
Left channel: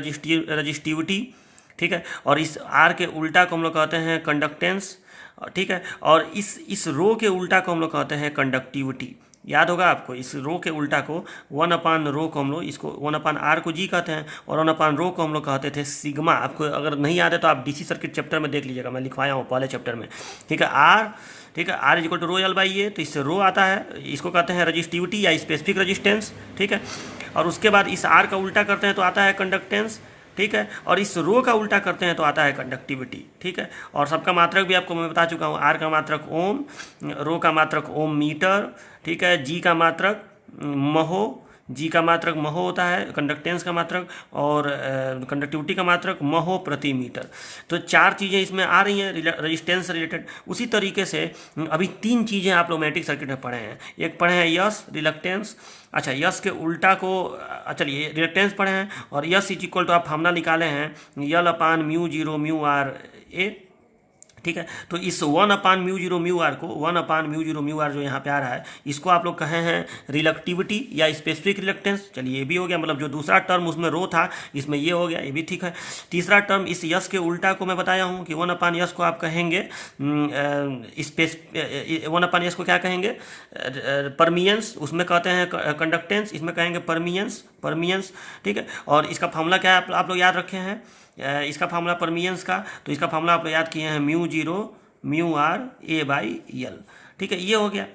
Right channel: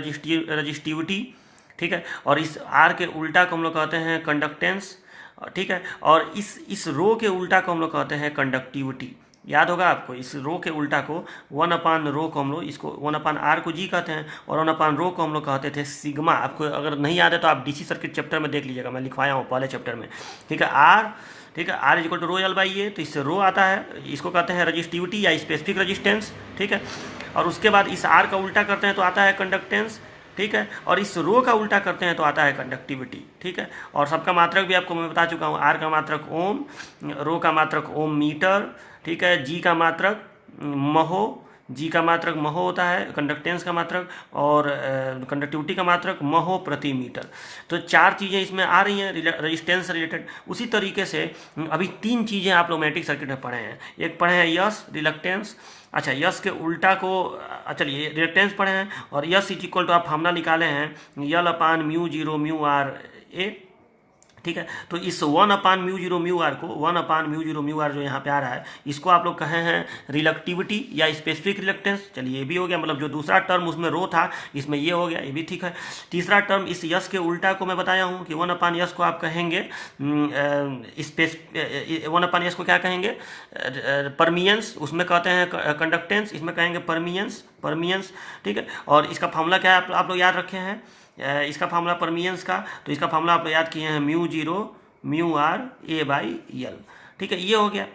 रजिस्टिविटी। ठीक है, और इस R के उल्टा को हम लोग कहते हैं कंडक्टेंस, ठीक है। और इस रो के उल्टा को हम लोग कहते हैं कंडक्टिविटी। याद होगा आपको, इस रो के उल्टा को 1/रो को हम लोग, इसको 1/r को जी कहते हैं, और 1/रो को हम लोग कहते थे सिग्मा। आपको अगर नहीं याद है तो आप डीसी सर्किट चैप्टर में देख लीजिएगा, मैं लिखवाया हूँ पहले चैप्टर में। ठीक है, आर, ठीक है, R equal to rho L by A, तो इससे रो आता है, इसको कहते हैं रजिस्टिविटी या स्पेसिफिक रजिस्टेंस। ठीक है, और उसके बाद इस आर का उल्टा करते हैं तो आता है कंडक्टेंस। ठीक है, और इस रो का उल्टा करते हैं तो आता है कंडक्टिविटी। ठीक है, और सबका मात्रक भी आपको मैं बता चुका हूँ, आर का मात्रक ओम, रो का मात्रक ओम मीटर। ठीक है, जी का मात्रक महो, जी का मात्रक महो होता है कंडक्टेंस का मात्रक, और कंडक्टिविटी का मात्रक महो प्रति मीटर। तो 4 चीज़ें इसमें आ रही हैं रजिस्टेंस रिलेटेड। उसी तरीके से अभी 3 चीज़ें आप लोग मैग्नेटिक सर्किट में पढ़े हैं। एक पढ़े हैं यस, रिलक्टेंस। अच्छा, यस के उल्टा को, चलिए रिलक्टेंस पढ़े हैं, और यस इज इक्वल टू आप फार्मूला निकाले हैं L/μ0μr ए। ठीक है, तो इस 1/μ0μr को 1/μ0μr जो यहाँ पे आ रहा है, इसको आप लोग कहे हैं रिलक्टिविटी या स्पेसिफिक रिलक्टेंस। चलिए ये भी हो गया, मतलब जो दूसरा टर्म उसमें रो था, इसमें ये हो गया, ये भी ठीक है। तीसरा टर्म इस यस के उल्टा को मैं बताया हूँ कि 1/s को आप कहेंगे 1/s को क्या कहेंगे, परमियंस, उसमें कहते हैं कंडक्टेंस, इसमें कहेंगे परमियंस। ठीक है, और इसका फॉर्मूला क्या है आप लोग याद रखे हैं, इसका फार्मूला परमियंस का, तो इसका फार्मूला आप याद किए हैं μ0μr A/L। ठीक है, ये हो गया।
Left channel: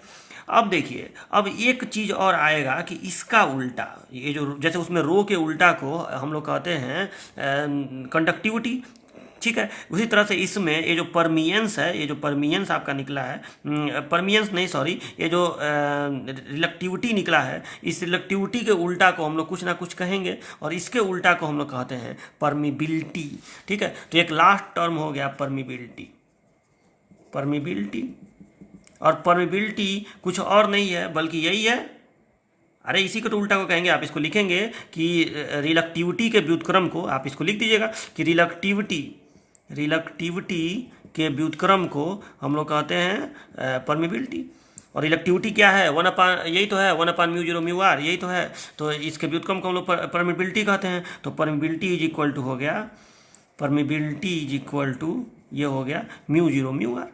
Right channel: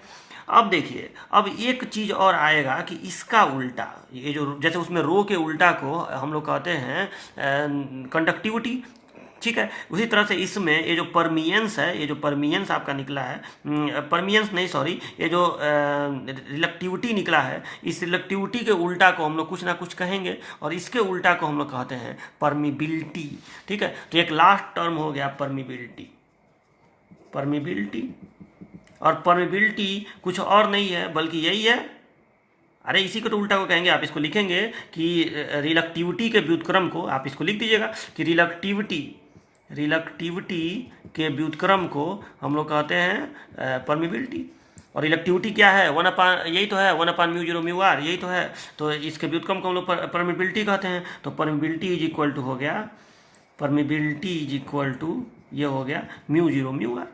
अब देखिए, अब एक चीज़ और आएगा कि इसका उल्टा, ये जो जैसे उसमें रो के उल्टा को हम लोग कहते हैं कंडक्टिविटी। ठीक है, उसी तरह से इसमें ये जो परमियंस है, ये जो परमियंस आपका निकला है, परमियंस नहीं सॉरी, ये जो रिलक्टिविटी निकला है, इस रिलक्टिविटी के उल्टा को हम लोग कुछ ना कुछ कहेंगे, और इसके उल्टा को हम लोग कहते हैं परमिबिलिटी। ठीक है, तो एक लास्ट टर्म हो गया परमिबिलिटी। और परमिबिलिटी कुछ और नहीं है बल्कि यही है, अरे इसी को तो उल्टा को कहेंगे। आप इसको लिखेंगे कि रिलक्टिविटी के व्युत्क्रम को, आप इसको लिख दीजिएगा कि रिलक्टिविटी के व्युत्क्रम को हम लोग कहते हैं परमिबिलिटी। और रिलक्टिविटी क्या है, यही तो है 1/μ0μr, यही तो है। तो इसके व्युत्क्रम को हम लोग परमिबिलिटी कहते हैं। तो परमिबिलिटी इज इक्वल टू हो गया, परमिबिलिटी इज इक्वल टू ये हो गया μ0μr।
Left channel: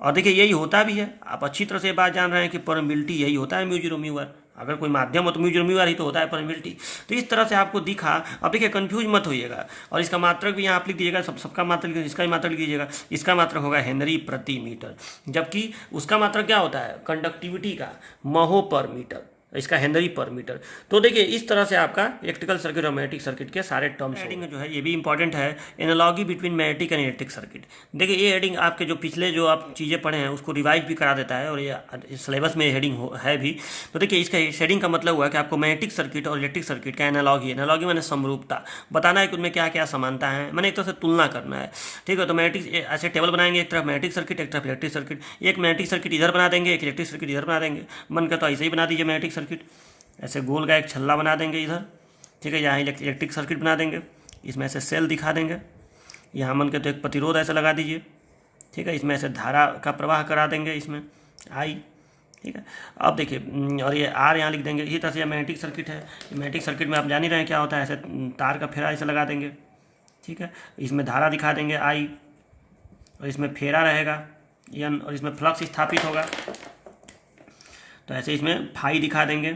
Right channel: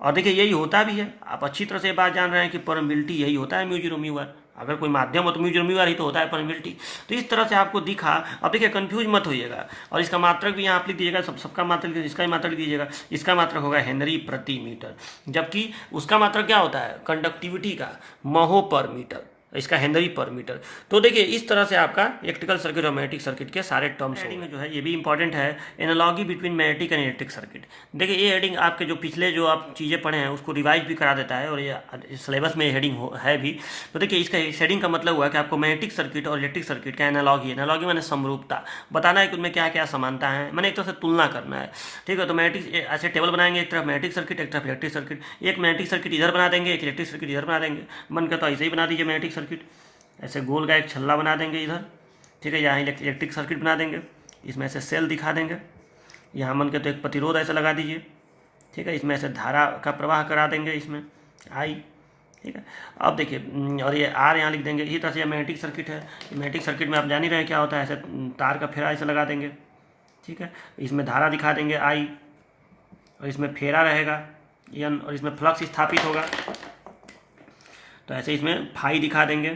और देखिए यही होता भी है, आप अच्छी तरह से बात जान रहे हैं कि परमिबिलिटी यही होता है μ0μr। अगर कोई माध्यम हो तो μ0μr ही तो होता है परमिबिलिटी। तो इस तरह से आपको दिखा। अब देखिए कंफ्यूज मत होइएगा, और इसका मात्रक भी यहाँ आप लिख दीजिएगा, सबका मात्रक, इसका ही मात्रक लिख दीजिएगा। इसका मात्रक होगा हेनरी प्रति मीटर, जबकि उसका मात्रक क्या होता है कंडक्टिविटी का, महो पर मीटर, इसका हेनरी पर मीटर। तो देखिए इस तरह से आपका इलेक्ट्रिकल सर्किट और मैग्नेटिक सर्किट के सारे टर्म्स हेडिंग में जो है ये भी इंपॉर्टेंट है, analogy between magnetic and electric circuit. देखिए ये हेडिंग आपके जो पिछले जो आप चीज़ें पढ़े हैं उसको रिवाइज भी करा देता है, और ये सिलेबस में हेडिंग है भी। तो देखिए इसका हेडिंग का मतलब हुआ कि आपको मैग्नेटिक सर्किट और इलेक्ट्रिक सर्किट का एनालॉजी मैंने समरूपता बताना है कि उनमें क्या क्या समानता है, मैंने एक तरह से तुलना करना है। ठीक है, तो मैग्नेटिक ऐसे टेबल बनाएंगे, एक तरफ मैग्नेटिक सर्किट, एक तरफ इलेक्ट्रिक सर्किट। एक मैग्नेटिक सर्किट इधर बना देंगे, एक इलेक्ट्रिक सर्किट इधर बना देंगे। मन करता ऐसे ही बना दीजिए मैग्नेटिक सर्किट, ऐसे गोल का एक छल्ला बना देंगे इधर। ठीक है, यहाँ इलेक्ट्रिक सर्किट बना देंगे, इसमें ऐसे सेल दिखा देंगे। यहाँ मन के तो एक प्रतिरोध ऐसे लगा दीजिए। ठीक है, इसमें ऐसे धारा का प्रवाह करा देंगे, इसमें आई। ठीक है, अब देखिए, और ये आर यहाँ लिख देंगे। इसी तरह से यह मैग्नेटिक सर्किट है। मैग्नेटिक सर्किट में आप जान ही रहे हैं क्या होता है, ऐसे तार का फेरा ऐसे लगा देंगे। ठीक है, इसमें धारा दिखा देंगे आई, और इसमें फेरा रहेगा एन, और इसमें फ्लक्स स्थापित होगा। तो ऐसे इसमें फाई दिखा देंगे,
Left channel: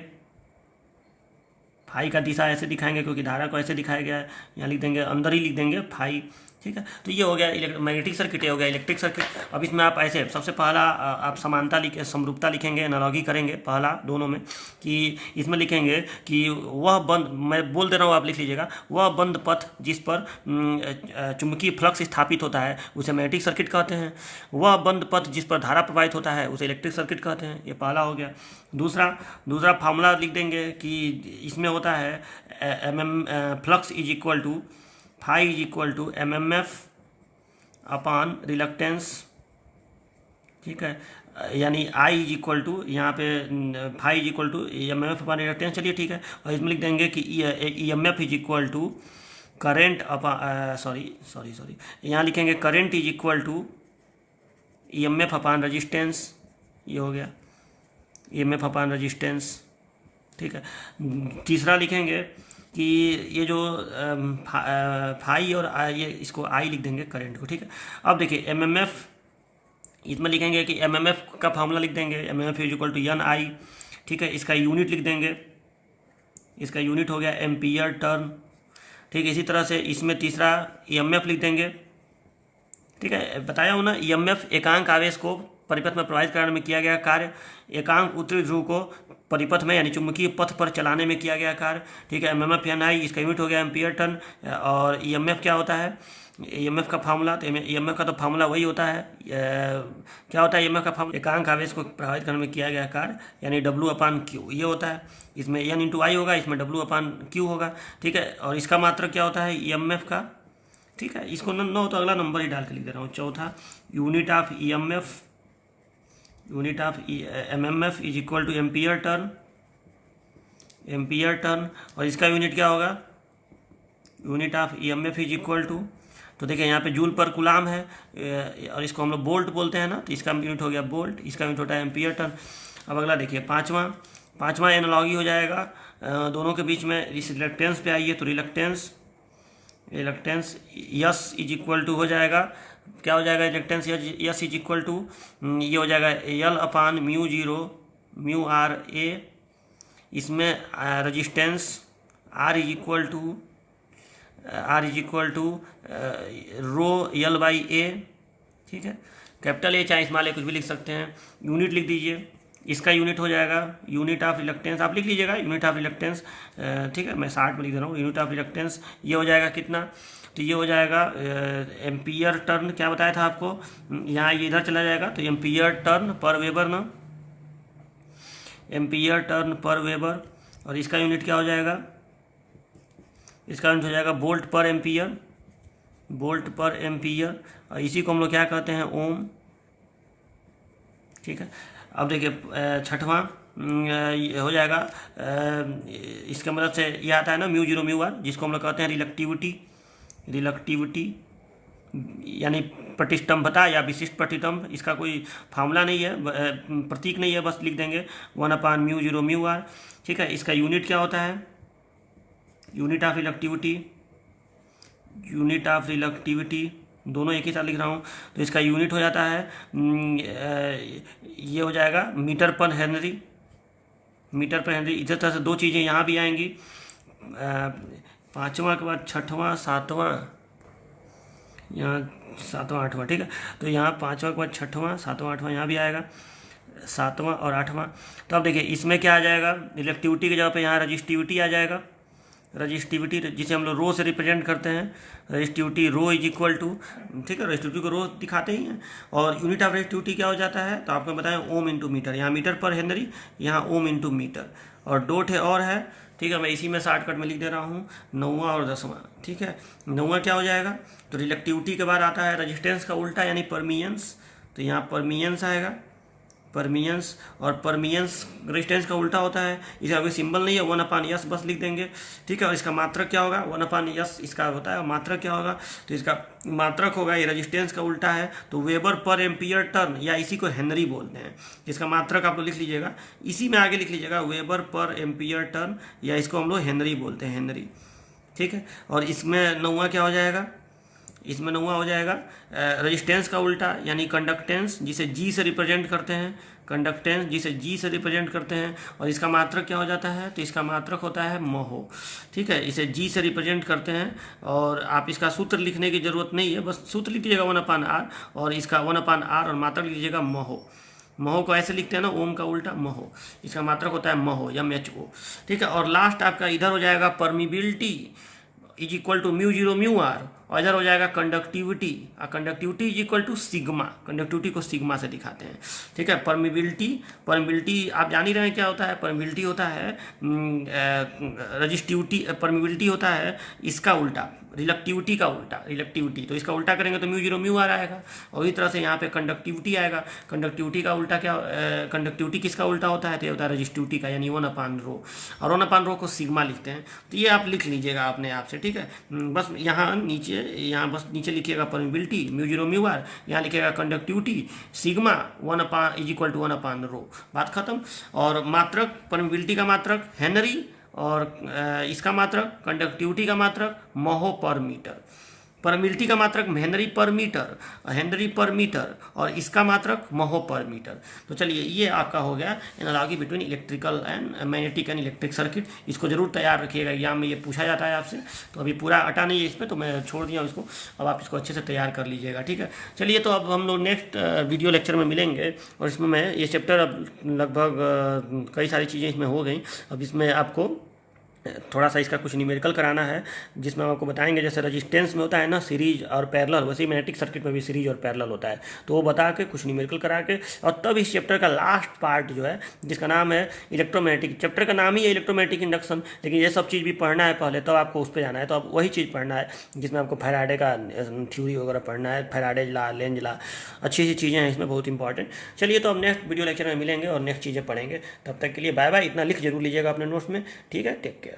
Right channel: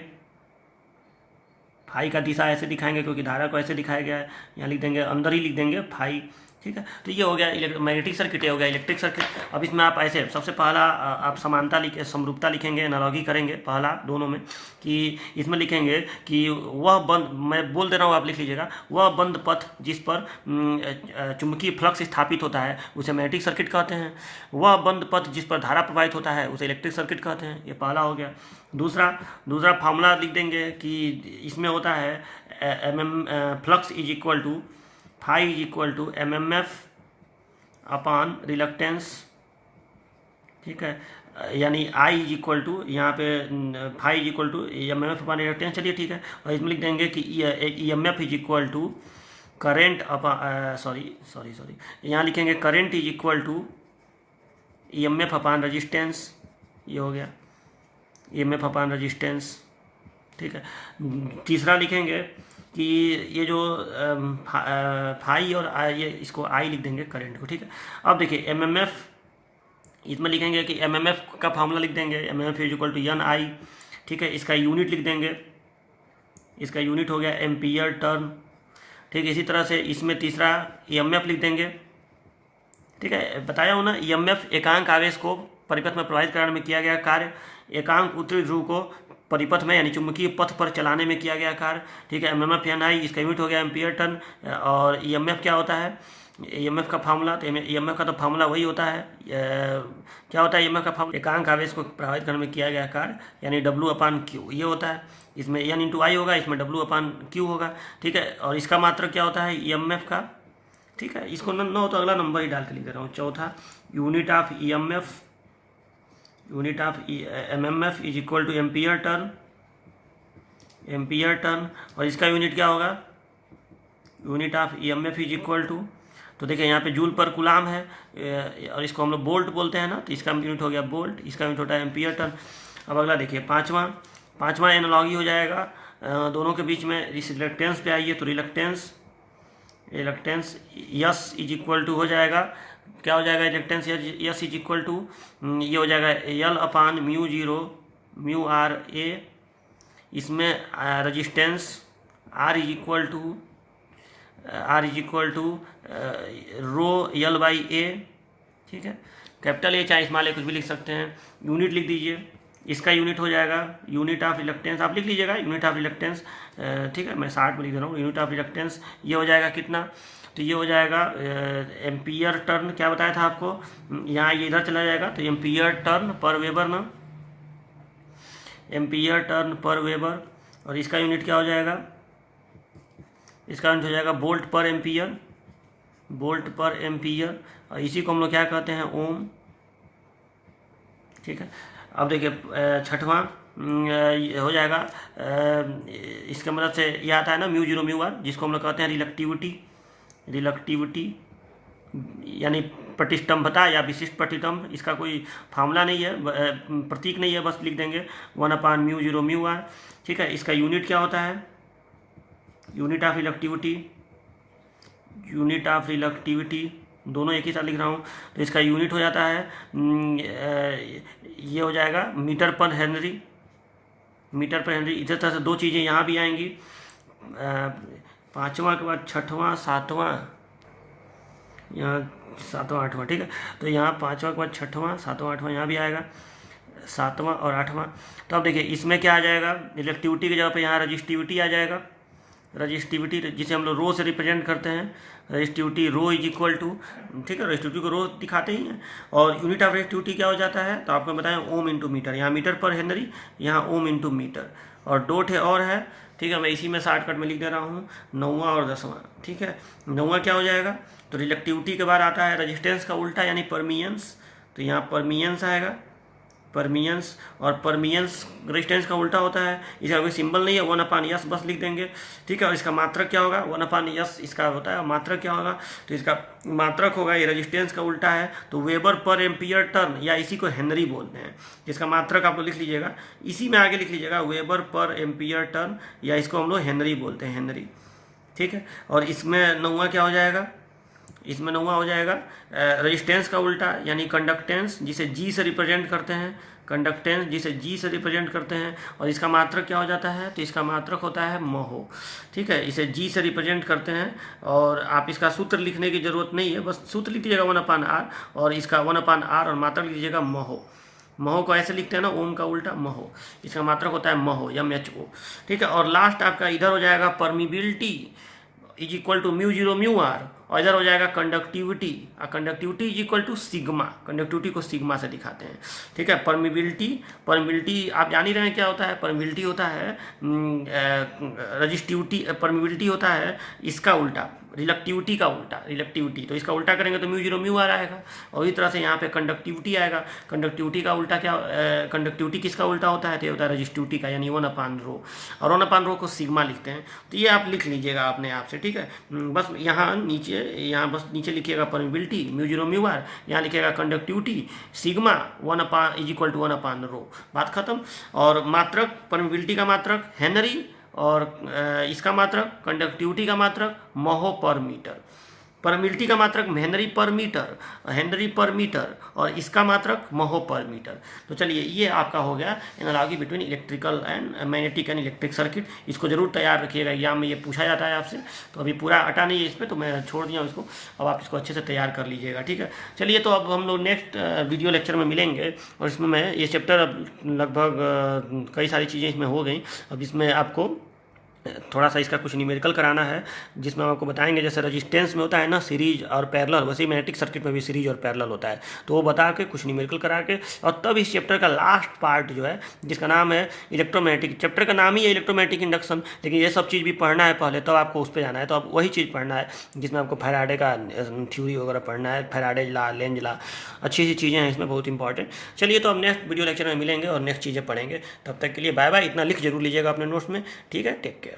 फाई का दिशा ऐसे दिखाएंगे क्योंकि धारा को ऐसे दिखाया गया है, यहाँ लिख देंगे, अंदर ही लिख देंगे फाई। ठीक है, तो ये हो गया मैग्नेटिक सर्किट, ये हो गया इलेक्ट्रिक सर्किट। अब इसमें आप ऐसे सबसे पहला आप समानता समरूपता लिखेंगे, एनालॉजी करेंगे पहला दोनों में, कि इसमें लिखेंगे कि वह बंद, मैं बोल दे रहा हूँ आप लिख लीजिएगा, वह बंद पथ जिस पर चुंबकीय फ्लक्स स्थापित होता है उसे मैग्नेटिक सर्किट कहते हैं। वह बंद पथ जिस पर धारा प्रवाहित होता है उसे इलेक्ट्रिक सर्किट कहते हैं। ये पहला हो गया। दूसरा फार्मूला लिख देंगे कि इसमें होता है flux is equal to phi is equal to MMF upon reluctance. ठीक है, यानी आई इज इक्वल टू, यहाँ पे phi is equal to MMF upon reluctance. चलिए ठीक है, और इसमें लिख देंगे कि EMF is equal to current upon sorry यहाँ लिखेंगे current is equal to EMF upon resistance. ये हो गया EMF अपॉन रजिस्टेंस। ठीक है, तीसरा लिखेंगे कि ये जो फाई और ये इसको आई लिख देंगे करंट को। ठीक है, अब देखिए MMF इसमें लिखेंगे कि एमएमएफ का फॉर्मूला लिख देंगे, MMF is equal to N I, ठीक है। इसका यूनिट लिख देंगे, इसका यूनिट हो गया एम्पियर टर्न, ठीक है। इसी तरह से इसमें तीसरा ईएमएफ लिख देंगे, ठीक है। बताया हूँ ना, ईएमएफ एकांक आवेश को परिपथ में प्रवाहित कराने में किया गया कार्य, एकांक उत्तरी ध्रुव को परिपथ में यानी चुंबकीय पथ पर चलाने में किया गया कार्य, ठीक है। एमएमएफ एन आई, इसका यूनिट हो गया एम्पियर टर्न। और ईएमएफ क्या होता है, ईएमएफ का फार्मूला, तो ईएमएफ का तो फार्मूला वही होता है, क्या होता है ईएमएफ का फार्मूला, एकांक आवेश को प्रभावित करने में किया गया कार्य यानी W/Q ये होता है। इसमें N × I होगा, इसमें W/Q होगा, ठीक है। और इसका मात्रक क्या होता है ईएमएफ का, ठीक है। इसको न हो तो अगला नंबर ही डाल के लिख दे रहा हूँ। चौथा, unit of EMF, unit of MMF is equal to ampere turn, ampere turn. और इसका यूनिट क्या होगा, unit of EMF is equal to, तो देखिए यहाँ पे जूल पर कुलाम है और इसको हम लोग बोल्ट बोलते हैं ना, तो इसका यूनिट हो गया बोल्ट, इसका यूनिट होता है एम्पियर टर्न। अब अगला देखिए पाँचवा एनालॉगी हो जाएगा दोनों के बीच में, इस रिलक्टेंस पे आइए तो reluctance S is equal to हो जाएगा, क्या हो जाएगा reluctance S is equal to, ये हो जाएगा L/μ0μRA। इसमें resistance R is equal to ρL/A, ठीक है। कैपिटल A चाहे स्मॉल a कुछ भी लिख सकते हैं। यूनिट लिख दीजिए, इसका यूनिट हो जाएगा यूनिट ऑफ रिलक्टेंस, आप लिख लीजिएगा यूनिट ऑफ रिलक्टेंस, ठीक है। मैं 60 में लिख दे रहा हूँ, यूनिट ऑफ रिलक्टेंस ये हो जाएगा कितना, तो ये हो जाएगा एम्पियर टर्न, क्या बताया था आपको, यहाँ ये इधर चला जाएगा तो एम्पियर टर्न पर वेबर ना, एम्पियर टर्न पर वेबर। और इसका यूनिट क्या हो जाएगा, इसका यूनिट हो जाएगा वोल्ट पर एम्पियर, वोल्ट पर एम्पियर। और इसी को हम लोग क्या कहते हैं ओम, ठीक है। अब देखिए छठवां हो जाएगा, इसका मतलब से ये आता है ना μ0μr, जिसको हम लोग कहते हैं रिलक्टिविटी यानी प्रतिष्ठंभता या विशिष्ट प्रतिष्ठंभ। इसका कोई फार्मूला नहीं है, प्रतीक नहीं है, बस लिख देंगे 1/μ0μr, ठीक है। इसका यूनिट क्या होता है, यूनिट ऑफ रिलक्टिविटी, दोनों एक ही साथ लिख रहा हूँ, तो इसका यूनिट हो जाता है ये हो जाएगा मीटर पर हेनरी। इधर तरह से दो चीज़ें यहाँ भी आएंगी, पाँचवा के बाद छठवां सातवां, यहाँ सातवां आठवां, ठीक है। तो यहाँ पाँचवा के बाद छठवां सातवां आठवां यहाँ भी आएगा, सातवां और आठवां। तो अब देखिए इसमें क्या आ जाएगा, रिलेक्टिविटी की जगह पे यहाँ रजिस्टिविटी आ जाएगा, रजिस्टिविटी जिसे हम लोग रो से रिप्रेजेंट करते हैं, resistivity rho is equal to, ठीक है। रजिस्टिविटी को रो दिखाते ही हैं। और यूनिट ऑफ रजिस्टिविटी क्या हो जाता है, तो आपको बताएं ओम इंटू मीटर, यहाँ मीटर पर हेनरी, यहाँ ओम इंटू मीटर। और दो ठे और है, ठीक है, मैं इसी में शॉर्टकट में लिख दे रहा हूँ, 9वां और 10वां, ठीक है। 9वां क्या हो जाएगा, तो रिलेक्टिविटी के बाद आता है रजिस्टेंस का उल्टा यानी परमियंस, तो यहाँ परमियंस आएगा, परमियंस। और परमियंस रेजिस्टेंस का उल्टा होता है, इसका कोई सिंबल नहीं है, 1/S बस लिख देंगे, ठीक है। और इसका मात्रक क्या होगा, 1/S इसका होता है, मात्रक क्या होगा, तो इसका मात्रक होगा, ये रेजिस्टेंस का उल्टा है तो वेबर पर एम्पियर टर्न, या इसी को हेनरी बोलते हैं। इसका मात्रक आप लोग लिख लीजिएगा, इसी में आगे लिख लीजिएगा वेबर पर एम्पियर टर्न, या इसको हम लोग हेनरी बोलते हैं, हेनरी, ठीक है। और इसमें 9वां क्या हो जाएगा, इसमें 9वां हो जाएगा रेजिस्टेंस का उल्टा यानी कंडक्टेंस, जिसे जी से रिप्रेजेंट करते हैं, कंडक्टेंस जिसे जी से रिप्रेजेंट करते हैं। और इसका मात्रक क्या हो जाता है, तो इसका मात्रक होता है महो, ठीक है। इसे जी से रिप्रेजेंट करते हैं और आप इसका सूत्र लिखने की जरूरत नहीं है, बस सूत्र लिख दीजिएगा 1/R, और इसका 1/R और मात्रक लिख लीजिएगा महो। महो को ऐसे लिखते हैं ना, ओम का उल्टा महो, इसका मात्रक होता है महो, MHO, ठीक है। और लास्ट आपका इधर हो जाएगा permeability is equal to μ0μr, और इधर हो जाएगा कंडक्टिविटी, और conductivity is equal to sigma, conductivity को सिग्मा से दिखाते हैं, ठीक है। परमिबिलिटी आप जान ही रहे हैं क्या होता है, परमिबिलिटी होता है रजिस्टिविटी, परमिबिलिटी होता है इसका उल्टा, रिलेक्टिविटी का उल्टा, रिलेक्टिविटी तो इसका उल्टा करेंगे तो μ0μr आएगा। और इस तरह से यहाँ पे कंडक्टिविटी आएगा, कंडक्टिविटी का उल्टा क्या, कंडक्टिविटी किसका उल्टा होता है, तो ये होता है रजिस्टिविटी का, यानी 1/ρ, और 1/ρ को सिग्मा लिखते हैं। तो ये आप लिख लीजिएगा अपने आप से, ठीक है। बस यहाँ बस नीचे लिखिएगा परमिबिलिटी μ0μr, यहाँ लिखिएगा conductivity sigma 1 is equal to 1/ρ, बात खत्म। और मात्रक, परमिबिलिटी का मात्रक हेनरी, और इसका मात्रक कंडक्टिविटी का मात्रक महो पर मीटर, परमिलिटी का मात्रक हेनरी पर मीटर, और इसका मात्रक महो पर मीटर। तो चलिए ये आपका हो गया analogy between electrical and magnetic and electric circuit. इसको जरूर तैयार रखिएगा, एग्जाम में ये पूछा जाता है आपसे। तो अभी पूरा अटा नहीं है इसमें, तो मैं छोड़ दिया इसको, अब आप इसको अच्छे से तैयार कर लीजिएगा, ठीक है। चलिए तो अब हम लोग नेक्स्ट वीडियो लेक्चर में मिलेंगे, और इसमें मैं ये चैप्टर अब लगभग कई सारी चीज़ें इसमें हो गई। अब इसमें आपको थोड़ा सा इसका कुछ न्यूमेरिकल कराना है, जिसमें हम आपको बताएंगे जैसे रेजिस्टेंस में होता है ना सीरीज और पैरेलल, वैसे ही मैग्नेटिक सर्किट में भी सीरीज और पैरेलल होता है। तो वो बता के कुछ न्यूमेरिकल करा के, और तब इस चैप्टर का लास्ट पार्ट जो है जिसका नाम है इलेक्ट्रोमैग्नेटिक, चैप्टर का नाम ही है इलेक्ट्रोमैग्नेटिक इंडक्शन, लेकिन ये सब चीज़ भी पढ़ना है पहले, तब आपको उस पर जाना है। तो अब वही चीज़ पढ़ना है जिसमें आपको फैराडे का थ्योरी वगैरह पढ़ना है, फैराडे ला, लेंज ला, अच्छी सी चीज़ें हैं इसमें, बहुत इंपॉर्टेंट। चलिए तो अब नेक्स्ट वीडियो लेक्चर में मिलेंगे और नेक्स्ट चीज़ें पढ़ेंगे। तब तक के लिए बाय बाय। इतना लिख जरूर लीजिएगा अपने नोट्स में, ठीक है। Take care.